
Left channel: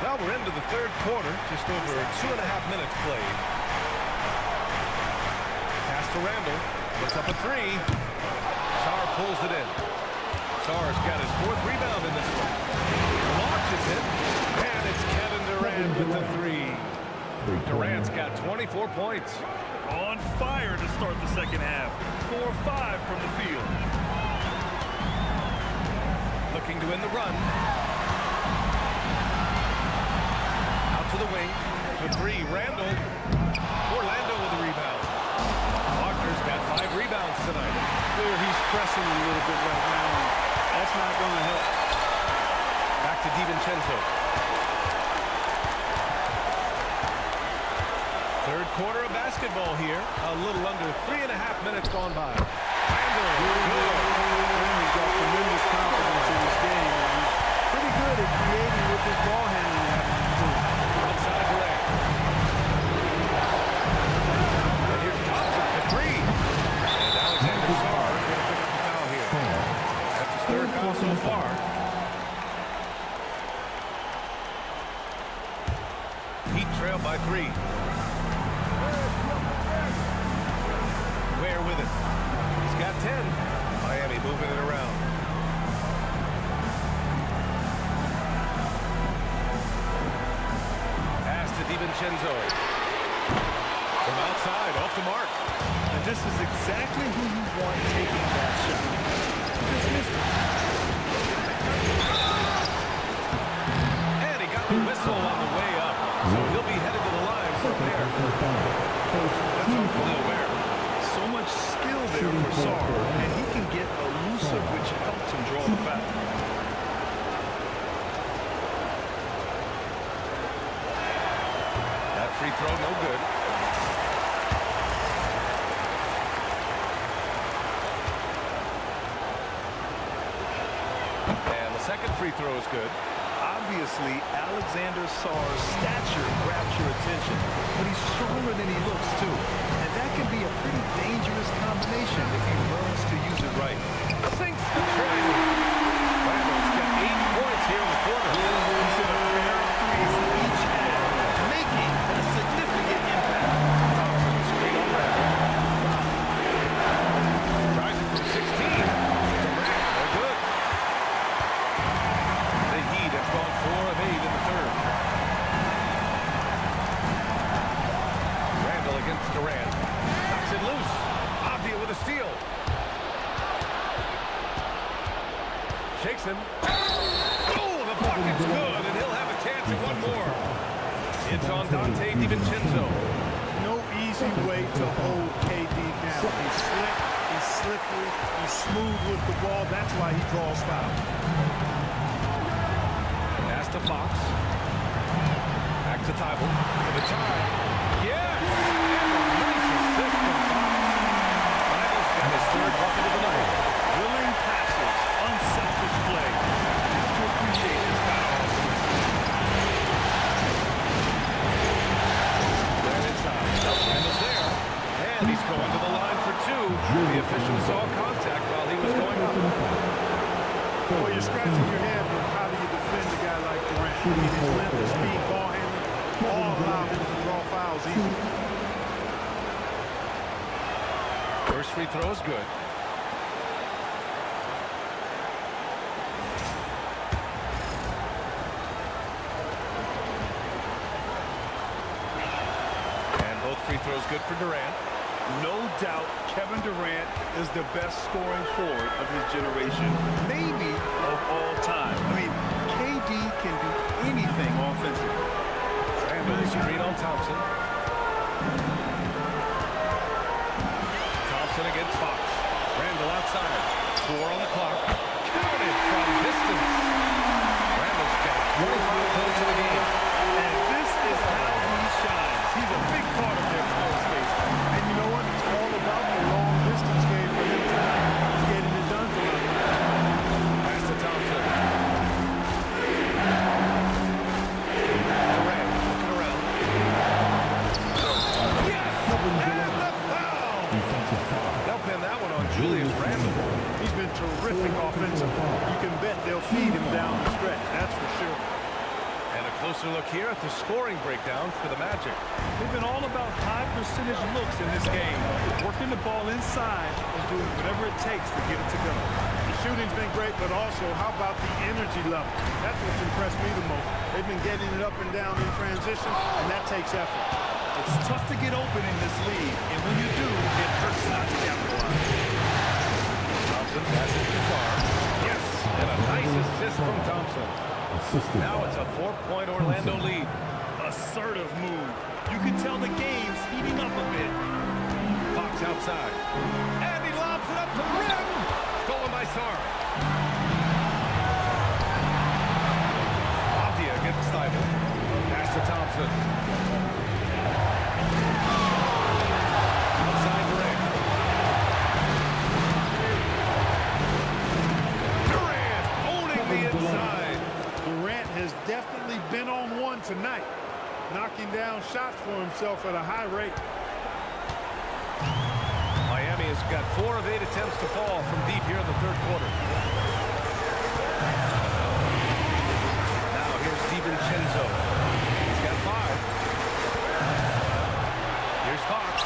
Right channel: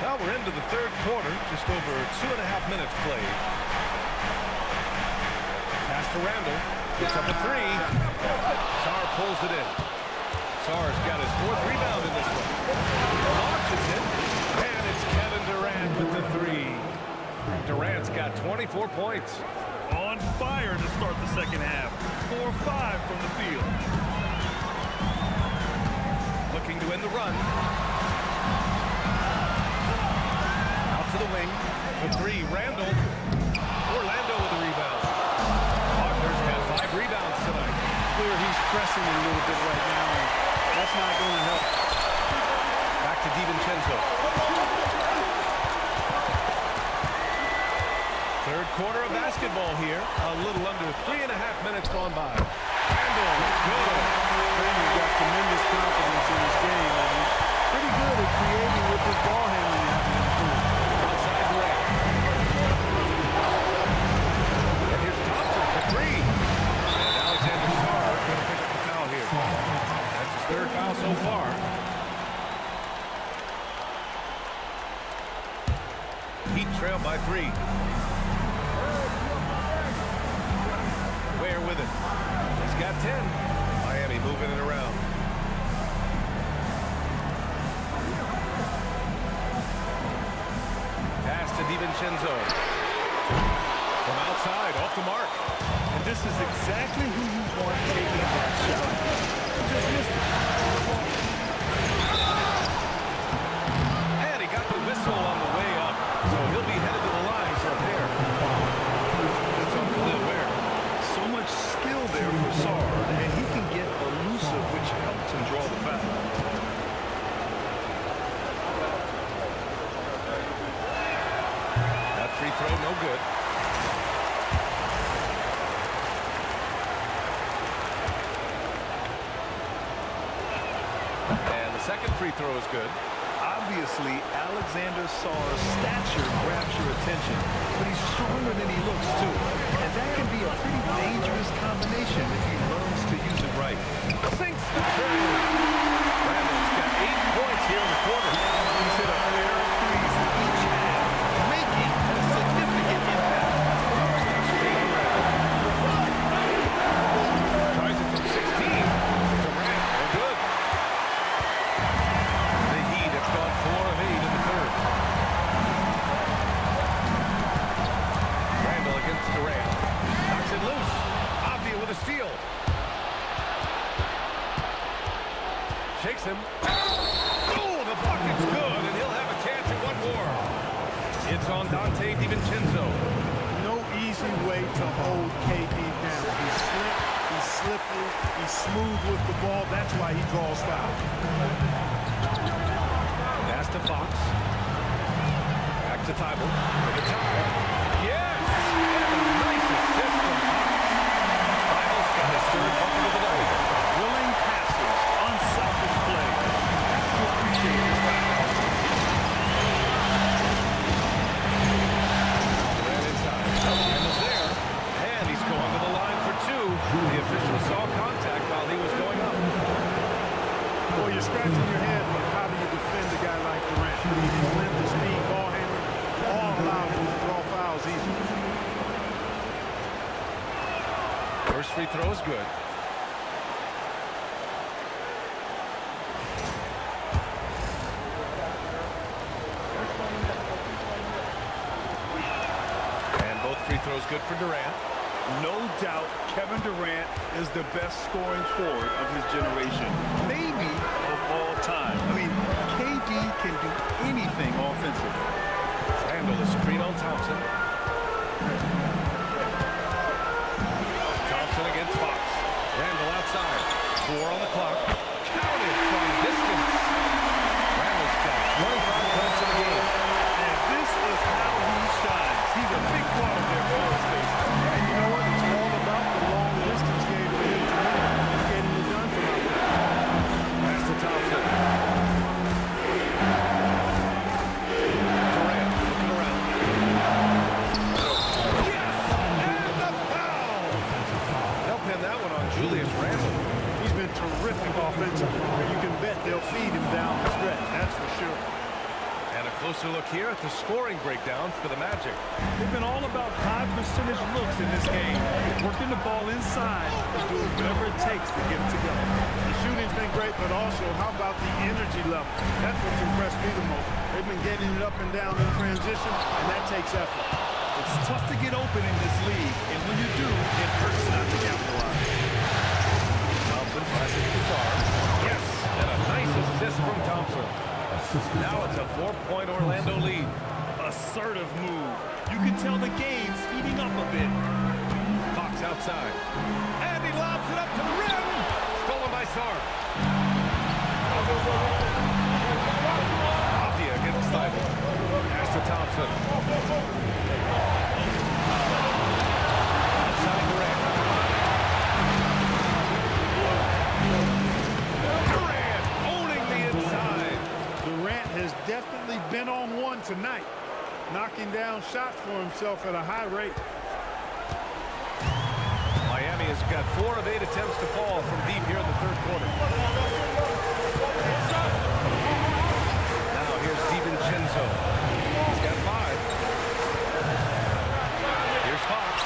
Well, we're into the third quarter, just over 2.5 minutes played. Pass to Randall, puts up a three. Sarr pulls it in. Sarr's got his 4th rebound in this one. The launch is hit, and it's Kevin Durant with the three. Durant's got 24 points. On fire to start the second half. 4-5 from the field. Looking to win the run. Out to the wing for three. Randall. Orlando with a rebound. Wagner's got 5 rebounds tonight. Clear he's pressing a little bit right now, and that's not going to help. Back to DiVincenzo. Third quarter of basketball here. A little under 3.5 minutes gone by. Randall, good. Randall's got tremendous confidence in his game, and he's pretty good at creating with his ball handling having improved. Outside Durant. And here's Thompson for three. And Alexander Sarr going to pick up the foul here. That's his 3rd foul so far. Heat trail by 3. Ware with it. He's got 10. Miami moving it around. Pass to DiVincenzo. From outside, off the mark. And this is exactly who you want taking that shot. Just missed it. And he got the whistle on the way up. So he'll be headed to the line for a pair. That's on Khalil Ware. So much skill there for Sarr, and he can get elusive, which helps him draw the foul. That free throw, no good. And the second free throw is good. Obviously, Alexander Sarr's stature grabs your attention, but he's stronger than he looks, too. And that can be a pretty dangerous combination if he learns to use it right. Sinks the tray. Randall's got 8 points here in the quarter. He's hit a pair of threes each half, making a significant impact. Thompson Durant. Knocks it loose. Avdia with a steal. Shakes him. Oh, the bucket's good, and he'll have a chance at one more. It's on Dante DiVincenzo. No easy way to hold KD down. He's slick, he's slippery, he's smooth with the ball. That's why he draws fouls. Pass to Fox. Back to Thibault for the tie. Yes! And a nice assist from Fox. Thibault's got his third bucket of the night. Willing passes, unselfish play. You have to appreciate this kind of offense. Ran inside. Randall's there. And he's going to the line for two. The official saw contact while he was going up. Well, you're scratching your head with how do you defend a guy like Durant. I mean, his length, his speed, ball handling, all allow him to draw fouls easily. First free throw is good. And both free throws good for Durant. No doubt Kevin Durant is the best scoring forward of his generation, maybe of all time. I mean, KD can do anything offensively. Randall, the screen on Thompson. Thompson against Fox. Randall outside. 4 on the clock. Counted from distance. Randall's got 25 points in the game. And this is how he shines. He's a big part of their floor space. And you know what? It's all about the long distance game for him tonight. He's getting it done from out there. Pass to Thompson. Durant looking around. Yes! And the foul! They'll pin that one on Julius Randle. He's been terrific offensively. You can bet they'll feed him down the stretch. That's for sure. And a closer look here at the scoring breakdown for the Magic. They've been all about high percentage looks in this game, working the ball inside and doing whatever it takes to get it to go. The shooting's been great, but also how about the energy level? That's what's impressed me the most. They've been getting it up and down in transition, and that takes effort. It's tough to get open in this league, and when you do, it hurts not to capitalize. Thompson passes to Sarr. Yes, and a nice assist from Thompson. Now it's a 4-point Orlando lead. Assertive move. You can tell the game's heating up a bit. Fox outside. And he lobs it up to the rim. Stolen by Sarr. Avdia against Thibault. Pass to Thompson. Outside Durant. Durant owning the inside. Durant has definitely been on one tonight, knocking down shots for himself at a high rate. Miami has got 4 of 8 attempts to fall from deep here in the third quarter. Now here's DiVincenzo. He's got 5. Here's Fox.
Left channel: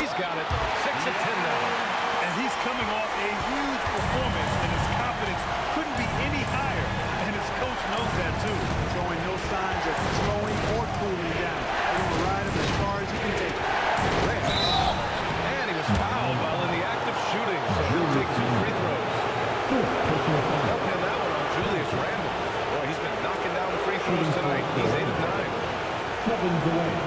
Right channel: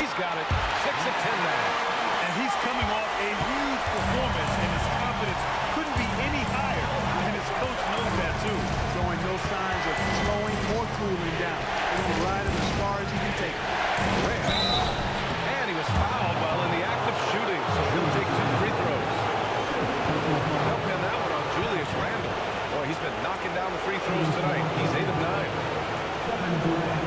He's got it. 6 of 10 now. And he's coming off a huge performance, and his confidence couldn't be any higher. And his coach knows that, too. Showing no signs of slowing or cooling down. They're going to ride him as far as he can take it. And he was fouled while in the act of shooting, so he'll take 2 free throws. They'll pin that one on Julius Randle. Boy, he's been knocking down the free throws tonight. He's 8 of 9. Kevin Durant.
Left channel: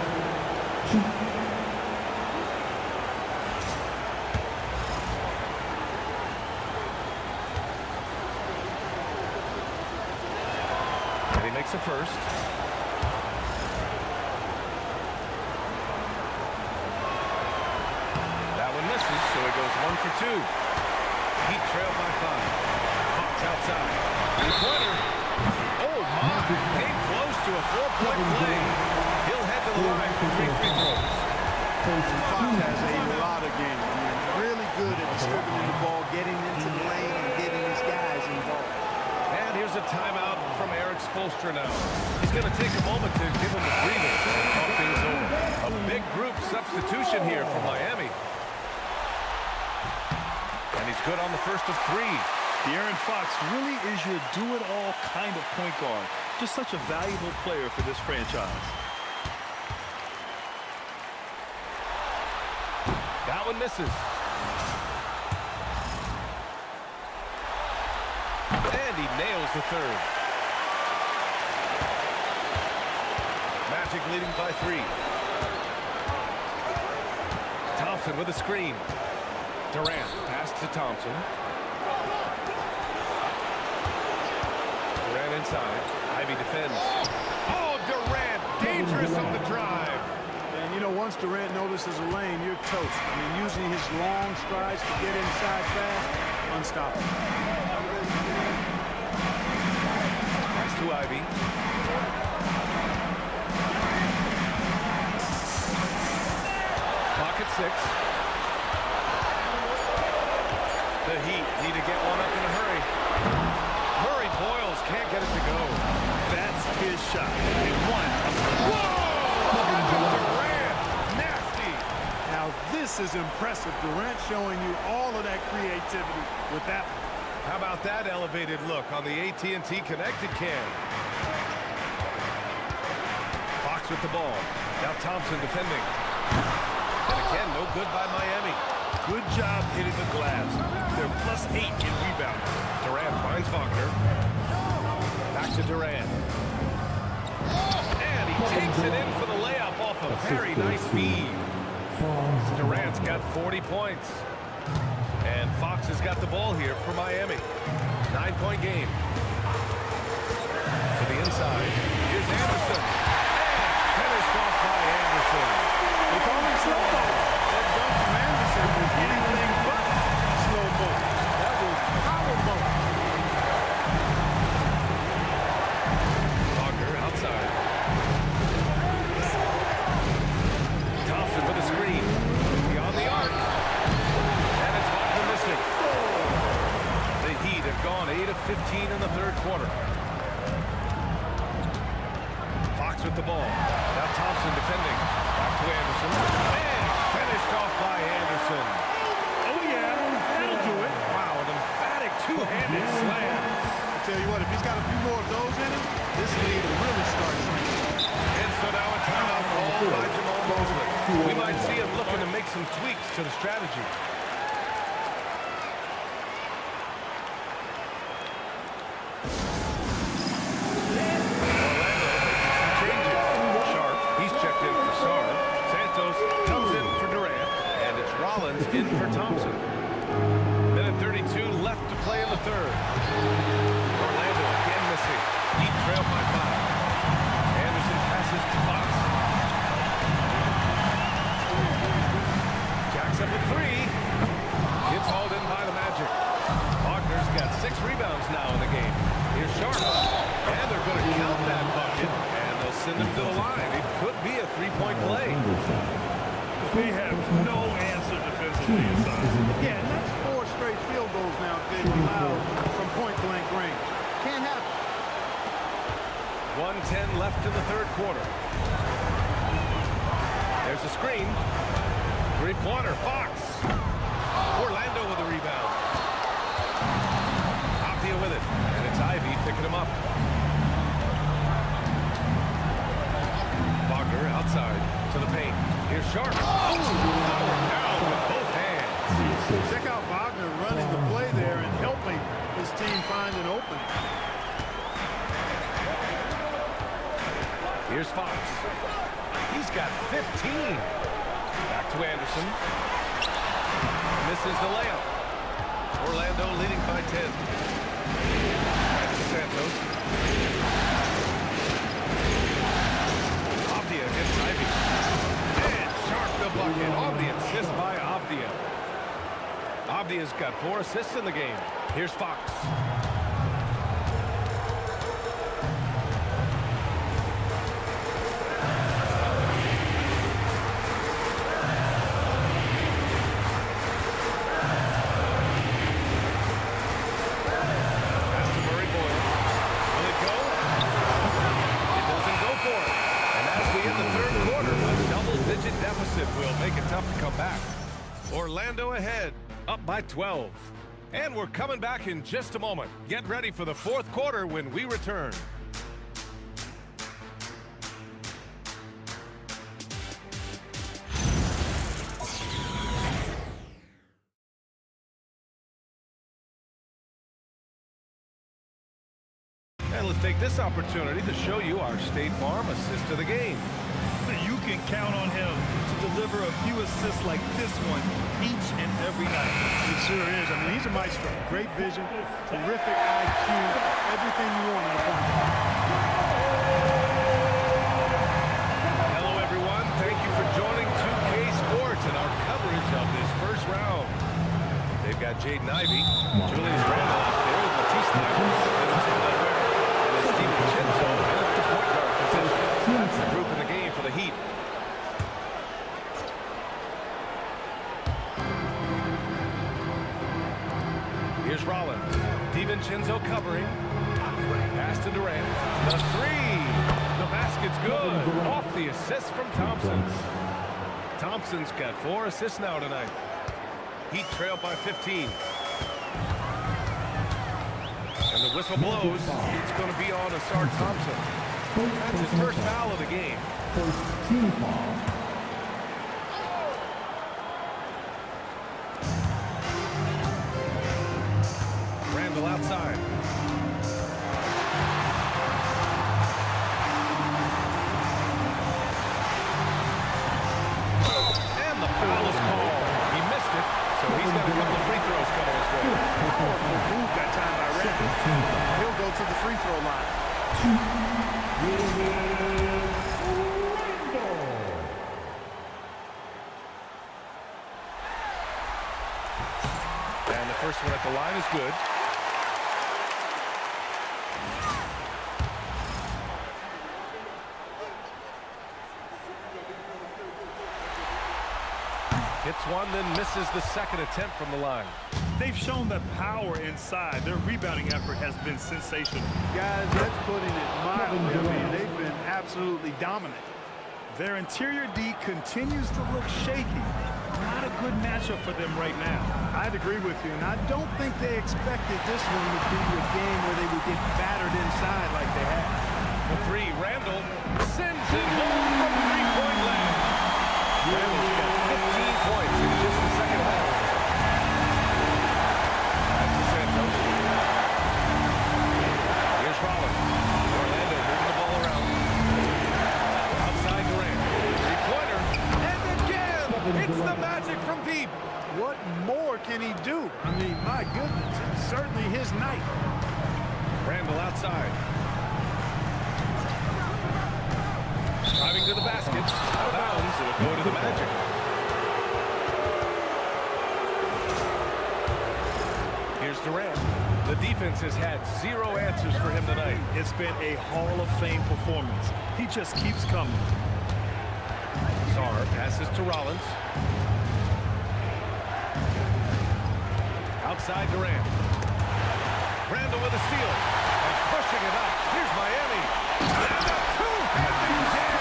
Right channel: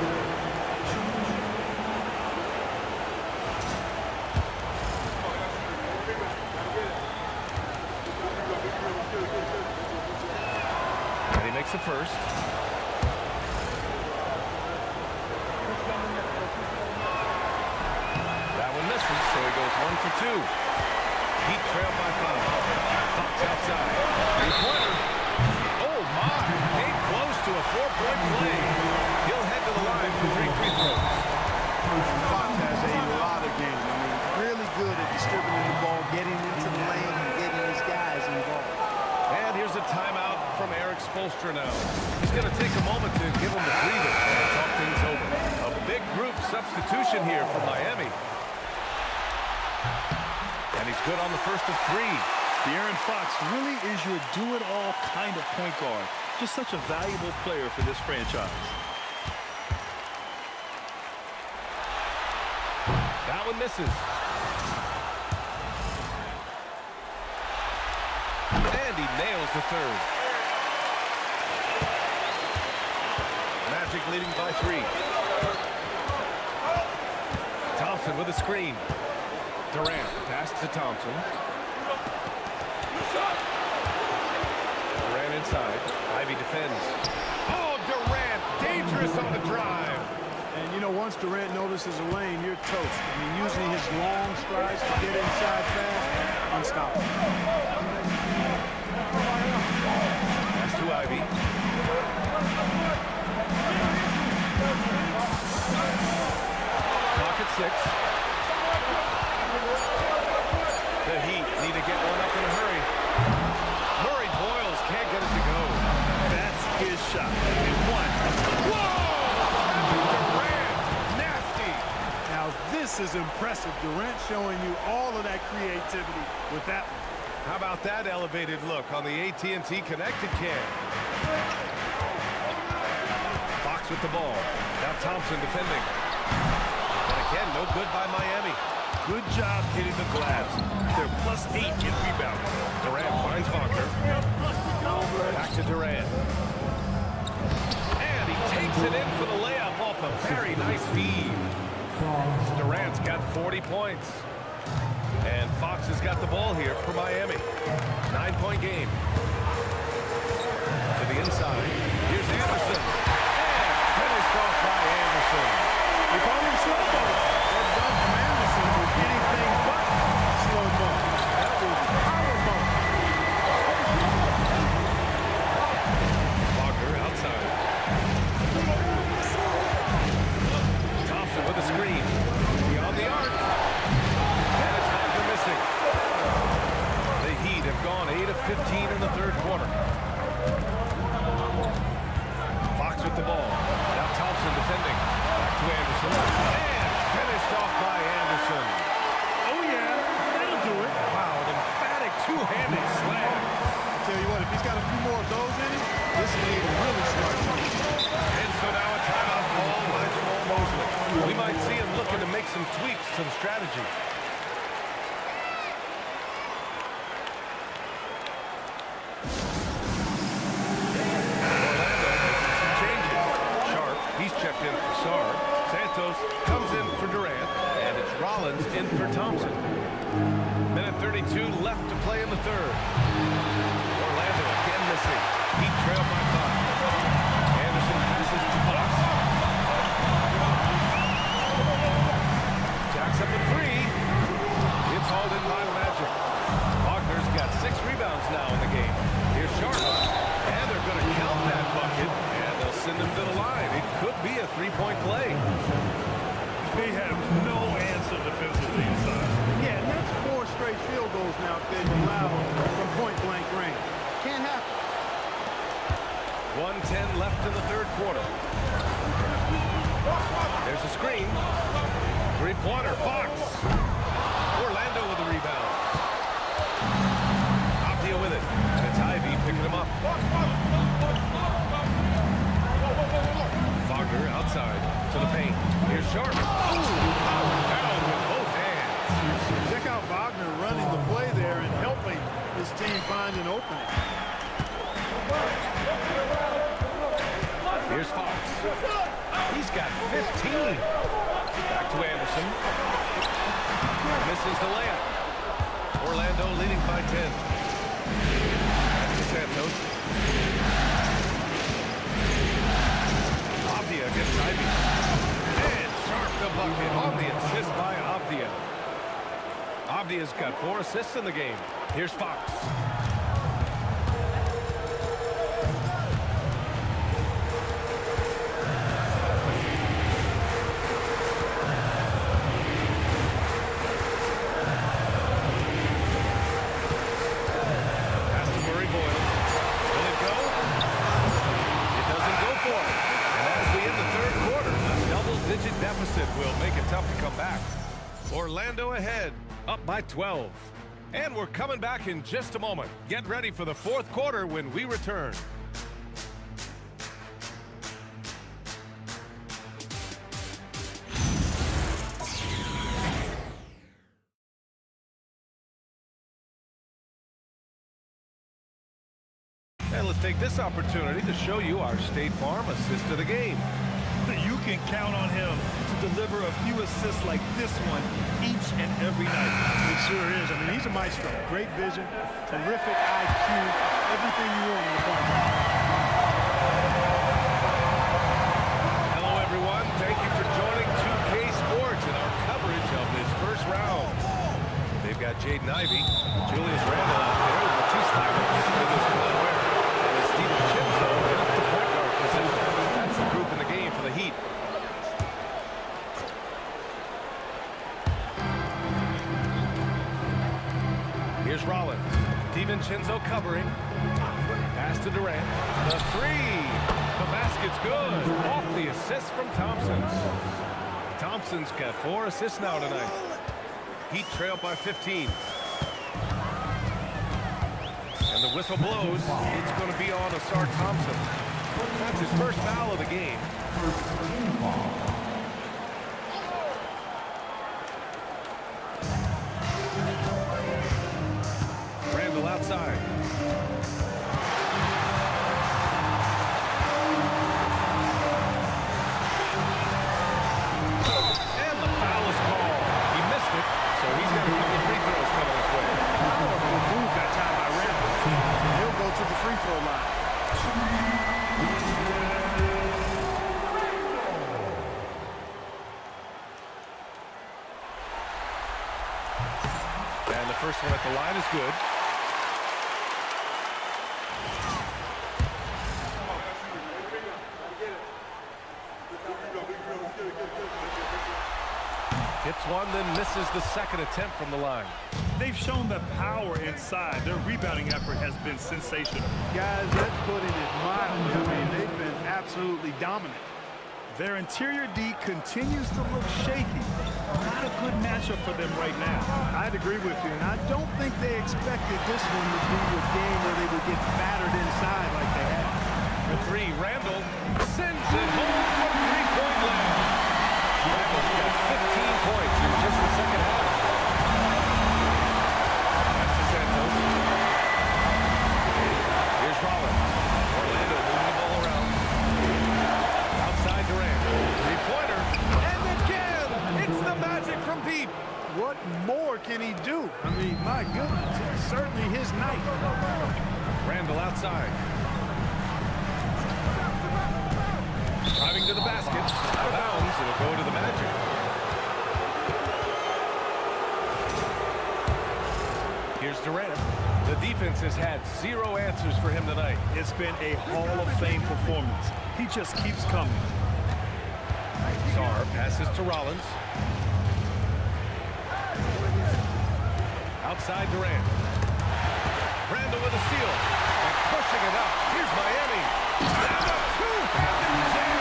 And he makes a first. That one misses, so he goes 1 for 2. Heat trailed by 5. Fox outside. 3-pointer. Oh, my. Came close to a 4-point play. He'll head to the line for 3 free throws. Fox has a lot of game. I mean, really good at distributing the ball, getting into the lane, and getting his guys involved. And here's a timeout from Eric Spoelstra now. He's going to take a moment to give him a breather and talk things over. A big group substitution here for Miami. And he's good on the first of 3. De'Aaron Fox really is your do-it-all kind of point guard. Just such a valuable player for this franchise. That one misses. And he nails the third. Magic leading by 3. Thompson with a screen. Durant pass to Thompson. Durant inside. Ivy defends. Oh, Durant, dangerous on the drive. And, you know, once Durant notices a lane, you're toast. I mean, using his long strides to get inside fast, unstoppable. Pass to Ivy. Clock at 6. The Heat need to get one up in a hurry. Murray Boyles can't get it to go. That's his shot. And one. Whoa! Kevin Durant! Nasty! Now, this is impressive. Durant showing you all of that creativity with that one. How about that elevated look on the AT&T connected cam? Fox with the ball. Now Thompson defending. And again, no good by Miami. Good job hitting the glass. They're +8 in rebounding. Durant finds Wagner. Back to Durant. And he takes it in for the layup off a very nice feed. Durant's got 40 points. And Fox has got the ball here for Miami. 9-point game. To the inside. Here's Anderson. And finished off by Anderson. They call him slow-mo. That dunk from Anderson was anything but slow-mo. That was power-mo. Wagner outside. Thompson with a screen. Beyond the arc. And it's Wagner missing. The Heat have gone 8 of 15 in the third quarter. Fox with the ball. Now Thompson defending. Back to Anderson. And finished off by Anderson. Oh, yeah. That'll do it. Wow, an emphatic two-handed slam. I tell you what, if he's got a few more of those in him, this league will really start trending. And so now a timeout called by Jamal Mosley. We might see him looking to make some tweaks to the strategy. Orlando making some changes. Sharp, he's checked in for Sarr. Santos comes in for Durant. And it's Rollins in for Thompson. Minute 32 left to play in the third. Orlando again missing. Heat trailed by 5. Anderson passes to Fox. Jacks up with 3. It's hauled in by the Magic. Wagner's got 6 rebounds now in the game. Here's Sharp. And they're going to count that bucket. And they'll send him to the line. It could be a 3-point play. We have no answer defensively inside. Yeah, and that's 4 straight field goals now they've allowed from point-blank range. Can't happen. 1:10 left in the third quarter. There's a screen. 3-pointer, Fox. Orlando with the rebound. Avdia with it. And it's Ivy picking him up. Wagner outside to the paint. Here's Sharp. Oh, powered down with both hands. Check out Wagner running the play there and helping his team find an opening. Here's Fox. He's got 15. Back to Anderson. Misses the layup. Orlando leading by 10. Pass to Santos. Avdia against Ivy. And Sharp the bucket on the assist by Avdia. Avdia's got 4 assists in the game. Here's Fox. Pass to Murray Boyles. Will it go? It doesn't go for it. And as we end the third quarter, a double-digit deficit will make it tough to come back. Orlando ahead, up by 12. And we're coming back in just a moment. Get ready for the fourth quarter when we return. let's take this opportunity to show you our State Farm assist of the game. You can count on him to deliver a few assists like this one each and every night. It sure is. I mean, he's a maestro. Great vision, terrific IQ, everything you want in a point guard. Hello, everyone. Thank you for joining 2K Sports and our coverage of this first round. They've got Jaden Ivey, Julius Randle out there with Matisse Thybulle in his Glenn Ware, and it's Steven Chinzo in at the point guard position. That's the group in the game for the Heat. Here's Rollins. DiVincenzo covering. Pass to Durant. The three. The basket's good. Off the assist from Thompson. Thompson's got 4 assists now tonight. Heat trail by 15. And the whistle blows. It's going to be on Asar Thompson. That's his first foul of the game. First team foul. Randle outside. And the foul is called. He missed it, so he's got a couple of free throws coming his way. Powerful move that time by Randle. He'll go to the free throw line. And the first one at the line is good. Hits one, then misses the second attempt from the line. They've shown the power inside. Their rebounding effort has been sensational. Guys, that's putting it mildly. I mean, they've been absolutely dominant. Their interior D continues to look shaky. Not a good matchup for them right now. I'd agree with you, and I don't think they expected this one would be a game where they would get battered inside like they have. For three, Randle sends it home from three-point land. Randle's got 15 points in just the second half. Pass to Santos. Here's Rollins. Orlando moving the ball around. Outside Durant. Three-pointer. And again, it's the Magic from deep. What more can he do? I mean, my goodness, it's certainly his night. Randle outside. Driving to the basket. Out of bounds. It'll go to the Magic. Here's Durant. The defense has had 0 answers for him tonight. It's been a Hall of Fame performance. He just keeps coming. Sarr passes to Rollins. Outside Durant. Randle with a steal. And pushing it up. Here's Miami. And a two-handed jam.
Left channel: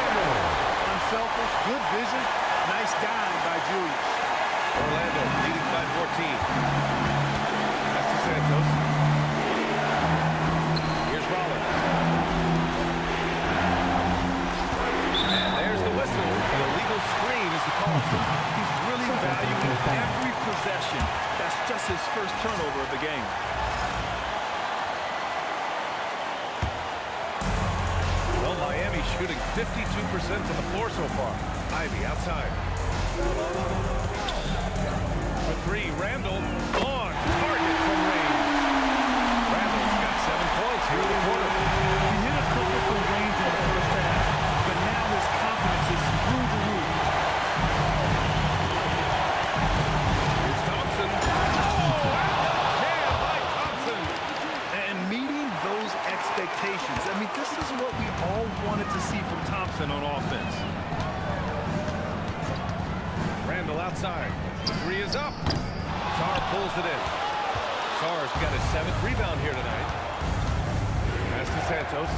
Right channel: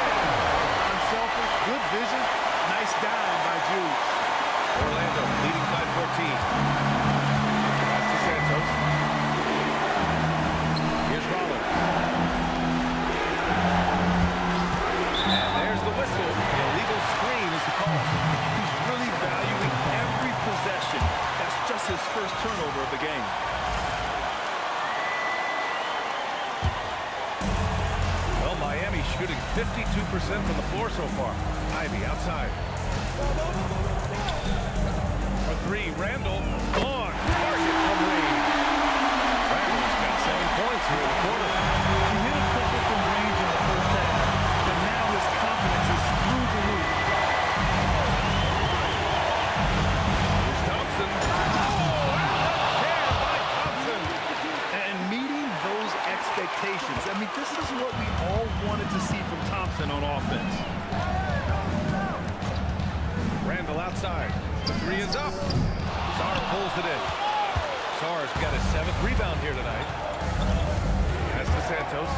Unselfish, good vision. Nice dime by Julius. Orlando leading by 14. Pass to Santos. Here's Rollins. And there's the whistle. The illegal screen is the call. He's really valuing every possession. That's just his first turnover of the game. Well, Miami shooting 52% from the floor so far. Ivey outside. For three, Randle on target from range. Randle's got 7 points here in the quarter. He hit a couple from range in the first half, but now his confidence is through the roof. Here's Thompson. Oh, and the jam by Thompson. And meeting those expectations. I mean, this is what we all wanted to see from Thompson on offense. Randle outside. The three is up. Sarr pulls it in. Sarr's got his 7th rebound here tonight. Pass to Santos.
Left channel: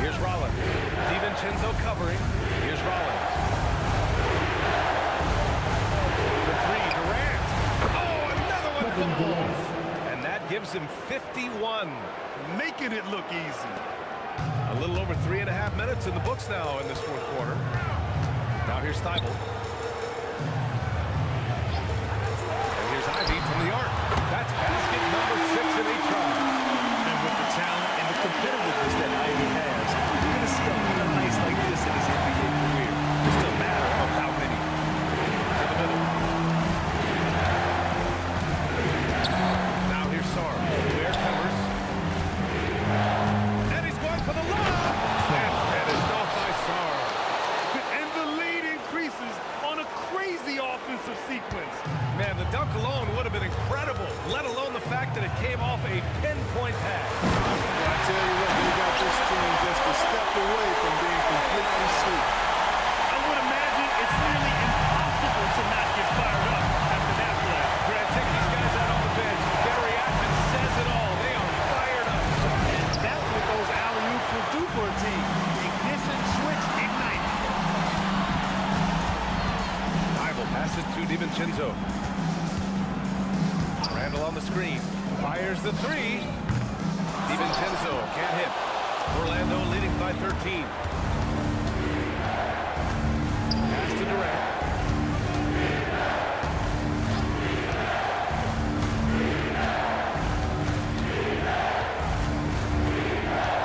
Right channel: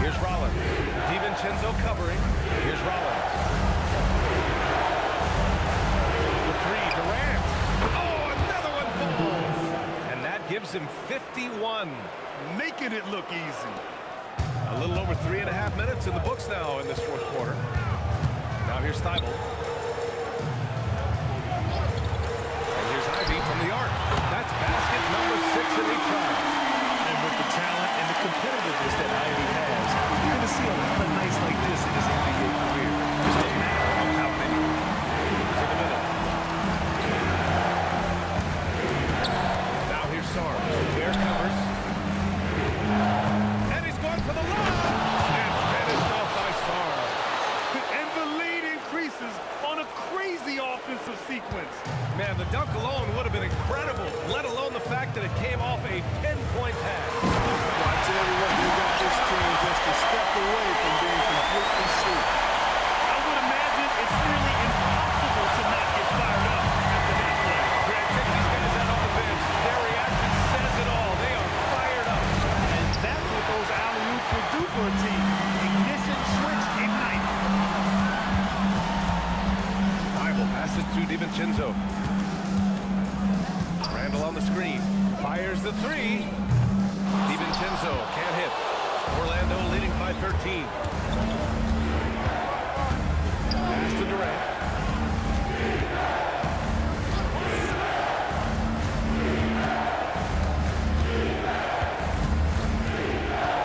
Here's Rollins. DiVincenzo covering. Here's Rollins. The three, Durant. Oh, another one falls. And that gives him 51. Making it look easy. A little over 3.5 minutes in the books now in this fourth quarter. Now here's Thybulle. And here's Ivey from the arc. That's basket number 6 in 8 tries. And with the talent and the competitiveness that Ivy has, you're going to see a lot of nights like this in his NBA career. Just a matter of how many. To the middle. Now here's Sarr. Ware covers. And he's going for the lob. And finished off by Sarr. And the lead increases on a crazy offensive sequence. Man, the dunk alone would have been incredible, let alone the fact that it came off a pinpoint pass. Well, I tell you what, they got this team just a step away from being completely sleep. I would imagine it's nearly impossible to not get fired up after that play. Grant, check these guys out on the bench. Their reaction says it all. They are fired up. And that's what those alley-oops will do for a team. Ignition switch ignited. Bible passes to DiVincenzo. Randall on the screen. Fires the three. DiVincenzo can't hit. Orlando leading by 13. Pass to Durant.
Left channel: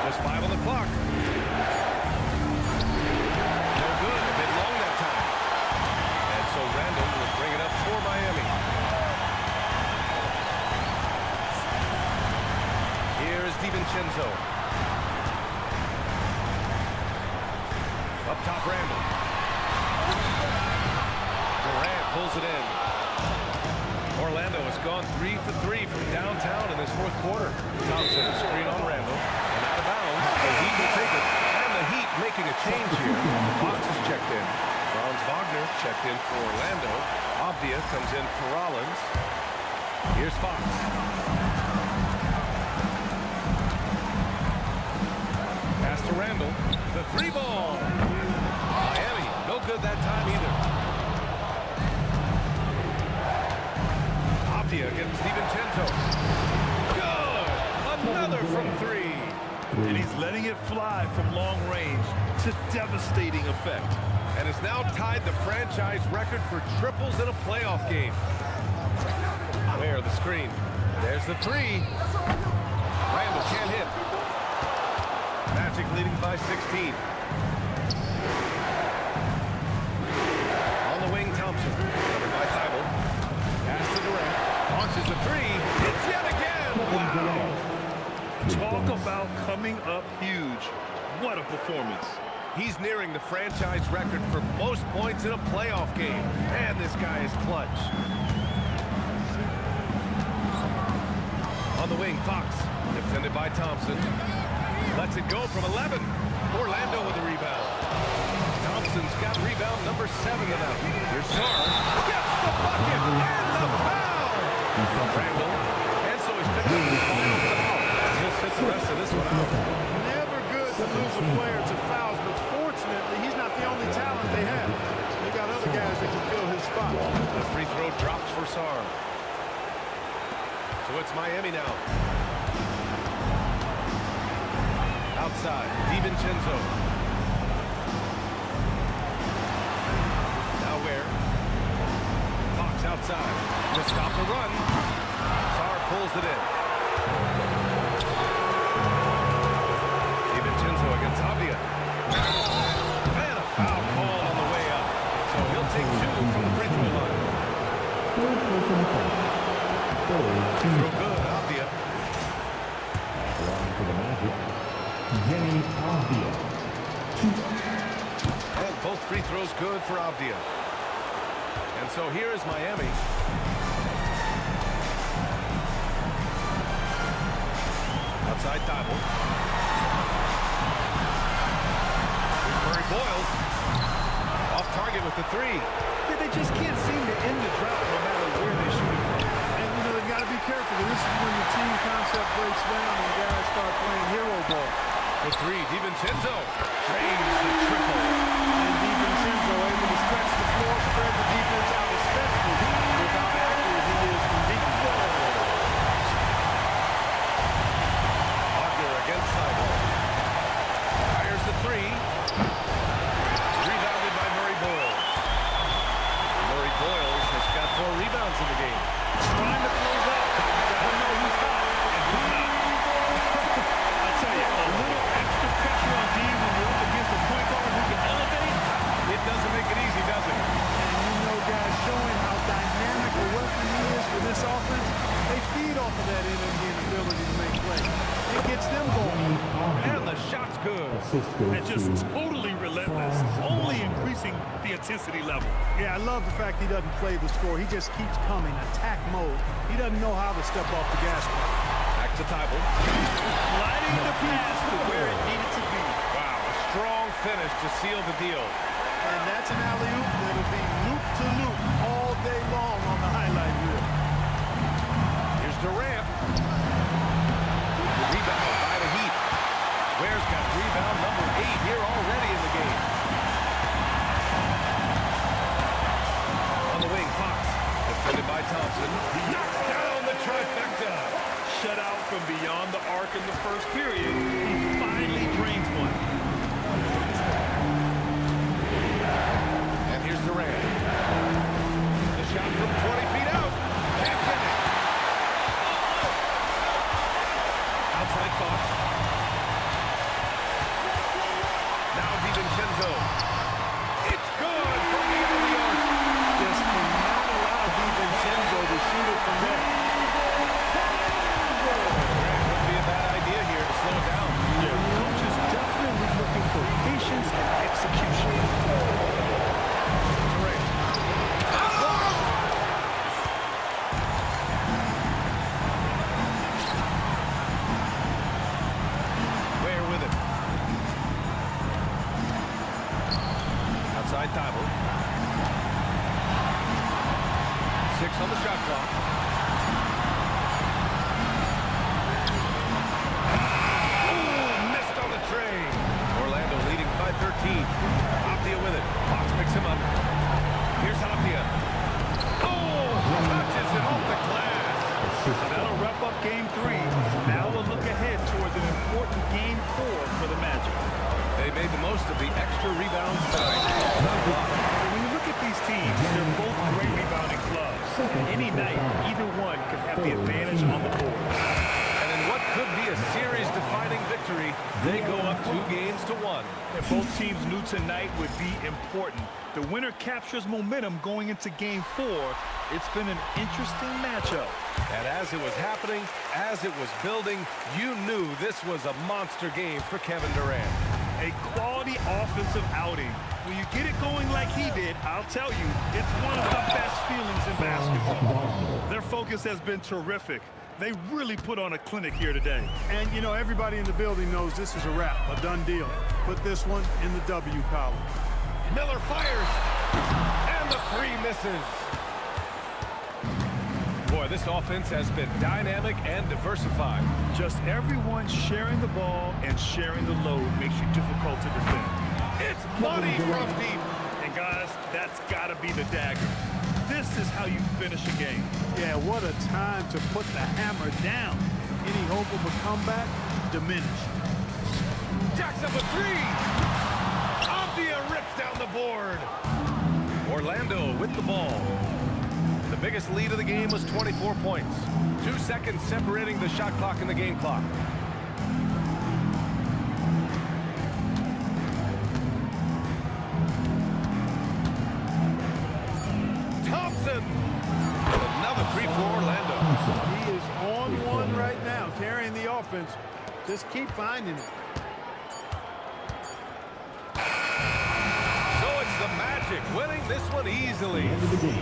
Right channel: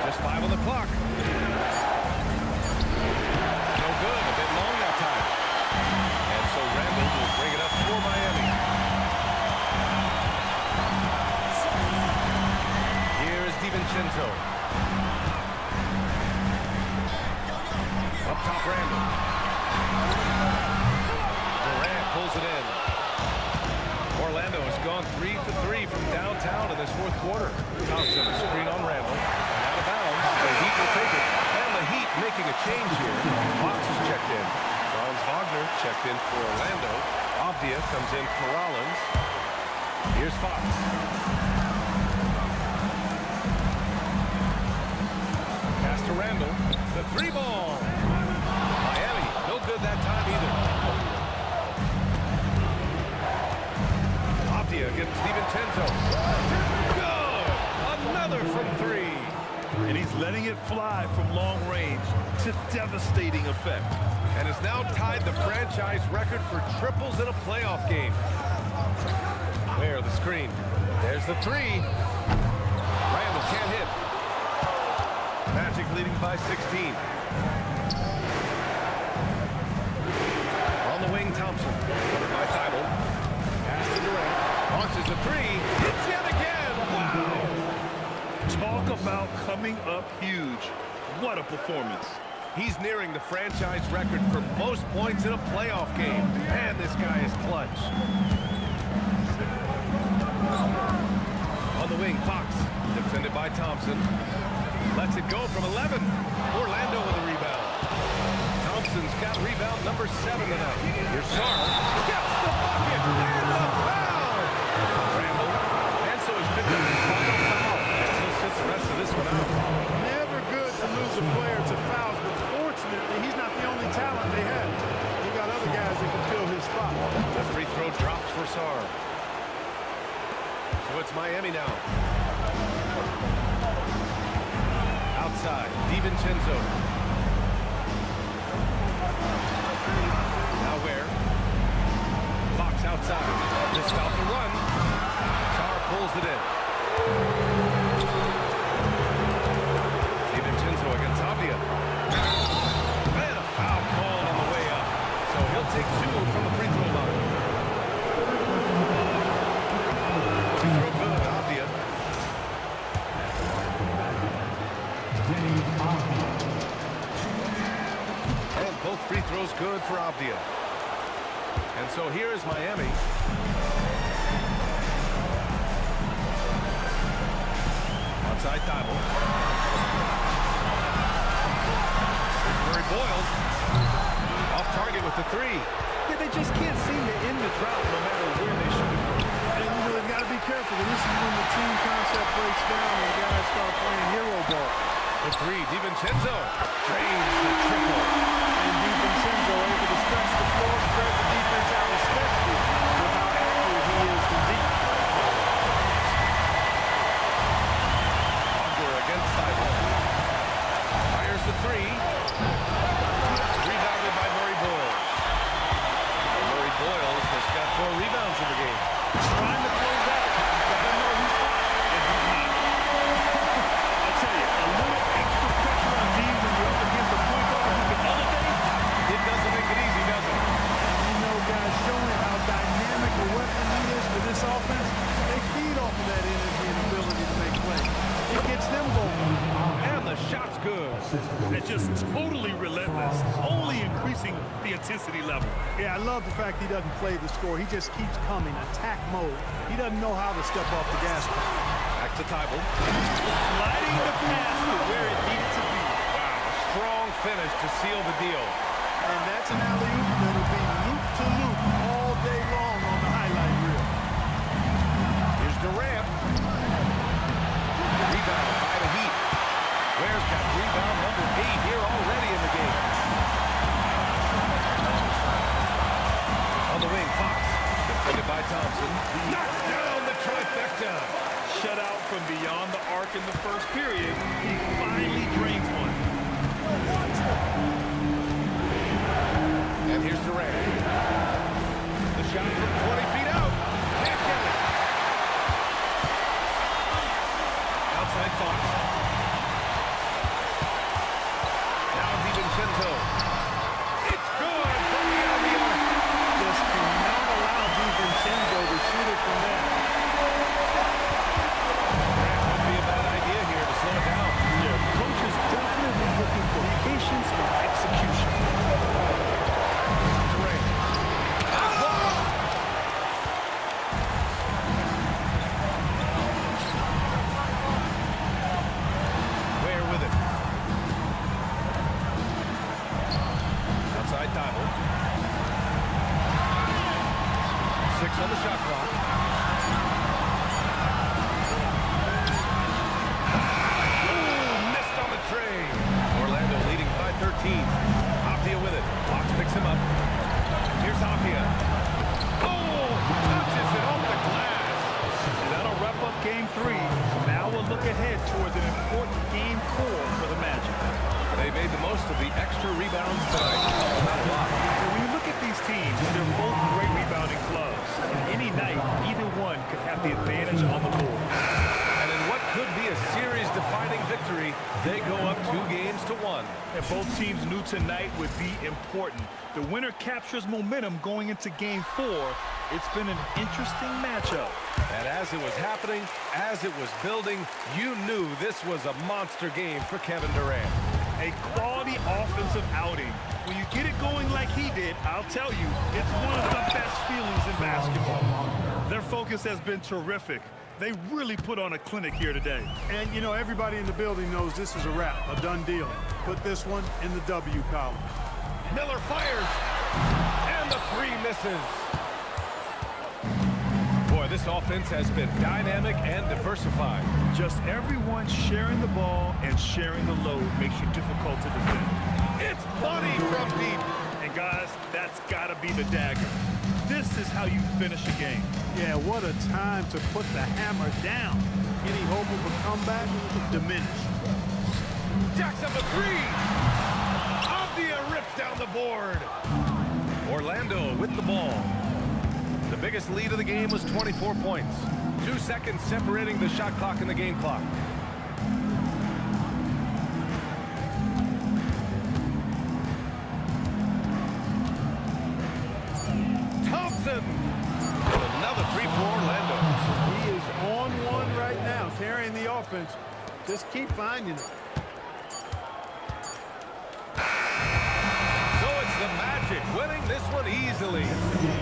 Just 5 on the clock. No good. A bit long that time. And so Randall will bring it up for Miami. Here is DiVincenzo. Up top, Randall. Durant pulls it in. Orlando has gone 3 for 3 from downtown in this fourth quarter. Thompson, screen on Randall. And out of bounds. The Heat will take it. And the Heat making a change here. Fox is checked in. Franz Wagner checked in for Orlando. Avdia comes in for Rollins. Here's Fox. Pass to Randall. The three ball. Miami, no good that time either. Avdia against DiVincenzo. Good! Another from three. And he's letting it fly from long range to devastating effect. And has now tied the franchise record for triples in a playoff game. Where the screen. There's the three. Randall can't hit. Magic leading by 16. On the wing, Thompson. Covered by Thibault. Pass to Durant. Launches a three. Hits yet again. Wow. Talk about coming up huge. What a performance. He's nearing the franchise record for most points in a playoff game. Man, this guy is clutch. On the wing, Fox. Defended by Thompson. Lets it go from 11. Orlando with a rebound. Thompson's got rebound number 7 tonight. Here's Sarr. Gets the bucket and the foul. Randall. And so he's picked up his final foul. And he'll sit the rest of this one out. Never good to lose a player to fouls, but fortunately, he's not the only talent they have. They got other guys that can fill his spot. The free throw drops for Sarr. So it's Miami now. Outside, DiVincenzo. Now where? Fox outside to stop the run. Sarr pulls it in. DiVincenzo against Avdia. And a foul called on the way up. So he'll take 2 from the free throw line. Free throw good, Avdia. And both free throws good for Avdia. And so here is Miami. Outside Thibault. Here's Murray Boyles. Off target with the three. Yeah, they just can't seem to end the drought no matter where they shoot it from. And, you know, they've got to be careful, because this is when the team concept breaks down and the guys start playing hero ball. The three, DiVincenzo drains the triple. And DiVincenzo able to stretch the floor, spread the defense out, especially with how accurate he is from deep. Wagner against Thibault. Fires the three. Rebounded by Murray Boyles. Murray Boyles has got 4 rebounds in the game. Trying to close out. You got to know who's hot and who's not. I tell you, a little extra pressure on D when you're up against a point guard who can elevate. It doesn't make it easy, does it? And you know, guys, showing how dynamic a weapon he is for this offense, they feed off of that energy and ability to make plays. It gets them going. And the shot's good. And just totally relentless, only increasing the intensity level. Yeah, I love the fact he doesn't play the score. He just keeps coming, attack mode. He doesn't know how to step off the gas pedal. Back to Thibault. Gliding the pass to where it needed to be. Wow, a strong finish to seal the deal. And that's an alley-oop that'll be loop-to-loop all day long on the highlight reel. Here's Durant. Rebound by the Heat. Ware's got rebound number 8 here already in the game. On the wing, Fox. Defended by Thompson. Knocks down the trifecta. Shut out from beyond the arc in the first period. He finally drains one. And here's Durant. The shot from 20 feet out. Can't get it. Outside Fox. Now DiVincenzo. It's good from beyond the arc. Just cannot allow DiVincenzo to shoot it from there. Durant wouldn't be a bad idea here to slow it down. Yeah, coach is definitely looking for patience and execution. Durant. That's blocked. Ware with it. Outside Thibault. 6 on the shot clock. Oh, missed on the tray. Orlando leading by 13. Aptia with it. Fox picks him up. Here's Aptia. Oh, touches it off the glass. And that'll wrap up game 3. Now we'll look ahead towards an important game 4 for the Magic. They made the most of the extra rebounds tonight. Not a lot. When you look at these teams, they're both great rebounding clubs. And any night, either one could have the advantage on the board. And in what could be a series-defining victory, they go up 2-1. And both teams knew tonight would be important. The winner captures momentum going into game 4. It's been an interesting matchup. And as it was happening, as it was building, you knew this was a monster game for Kevin Durant. A quality offensive outing. When you get it going like he did, I'll tell you, it's one of the best feelings in basketball. Their focus has been terrific. They really put on a clinic here today. And, you know, everybody in the building knows this is a wrap, a done deal. Put this one in the W column. Miller fires, and the 3 misses. Boy, this offense has been dynamic and diversified. Just everyone sharing the ball and sharing the load makes you difficult to defend. It's money from deep. And guys, that's got to be the dagger. This is how you finish a game. Yeah, what a time to put the hammer down. Any hope of a comeback? Diminished. Jacks up a 3. Aptia rips down the board. Orlando with the ball. The biggest lead of the game was 24 points. 2 seconds separating the shot clock and the game clock. Thompson! Another 3 for Orlando. He is on one right now, carrying the offense. Just keep finding it. So it's the Magic winning this one easily.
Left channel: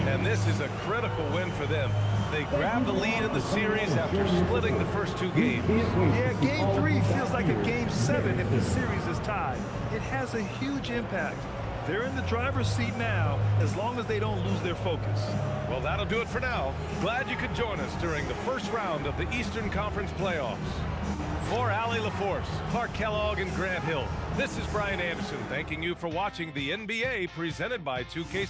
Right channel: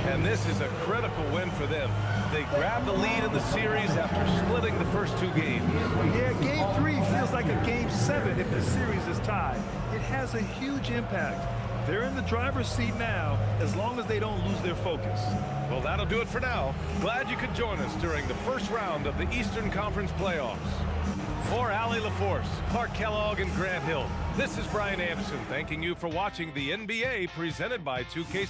And this is a critical win for them. They grab the lead in the series after splitting the first 2 games. Yeah, game 3 feels like a game 7 if the series is tied. It has a huge impact. They're in the driver's seat now, as long as they don't lose their focus. Well, that'll do it for now. Glad you could join us during the first round of the Eastern Conference playoffs. For Allie LaForce, Clark Kellogg, and Grant Hill, this is Brian Anderson thanking you for watching the NBA presented by 2K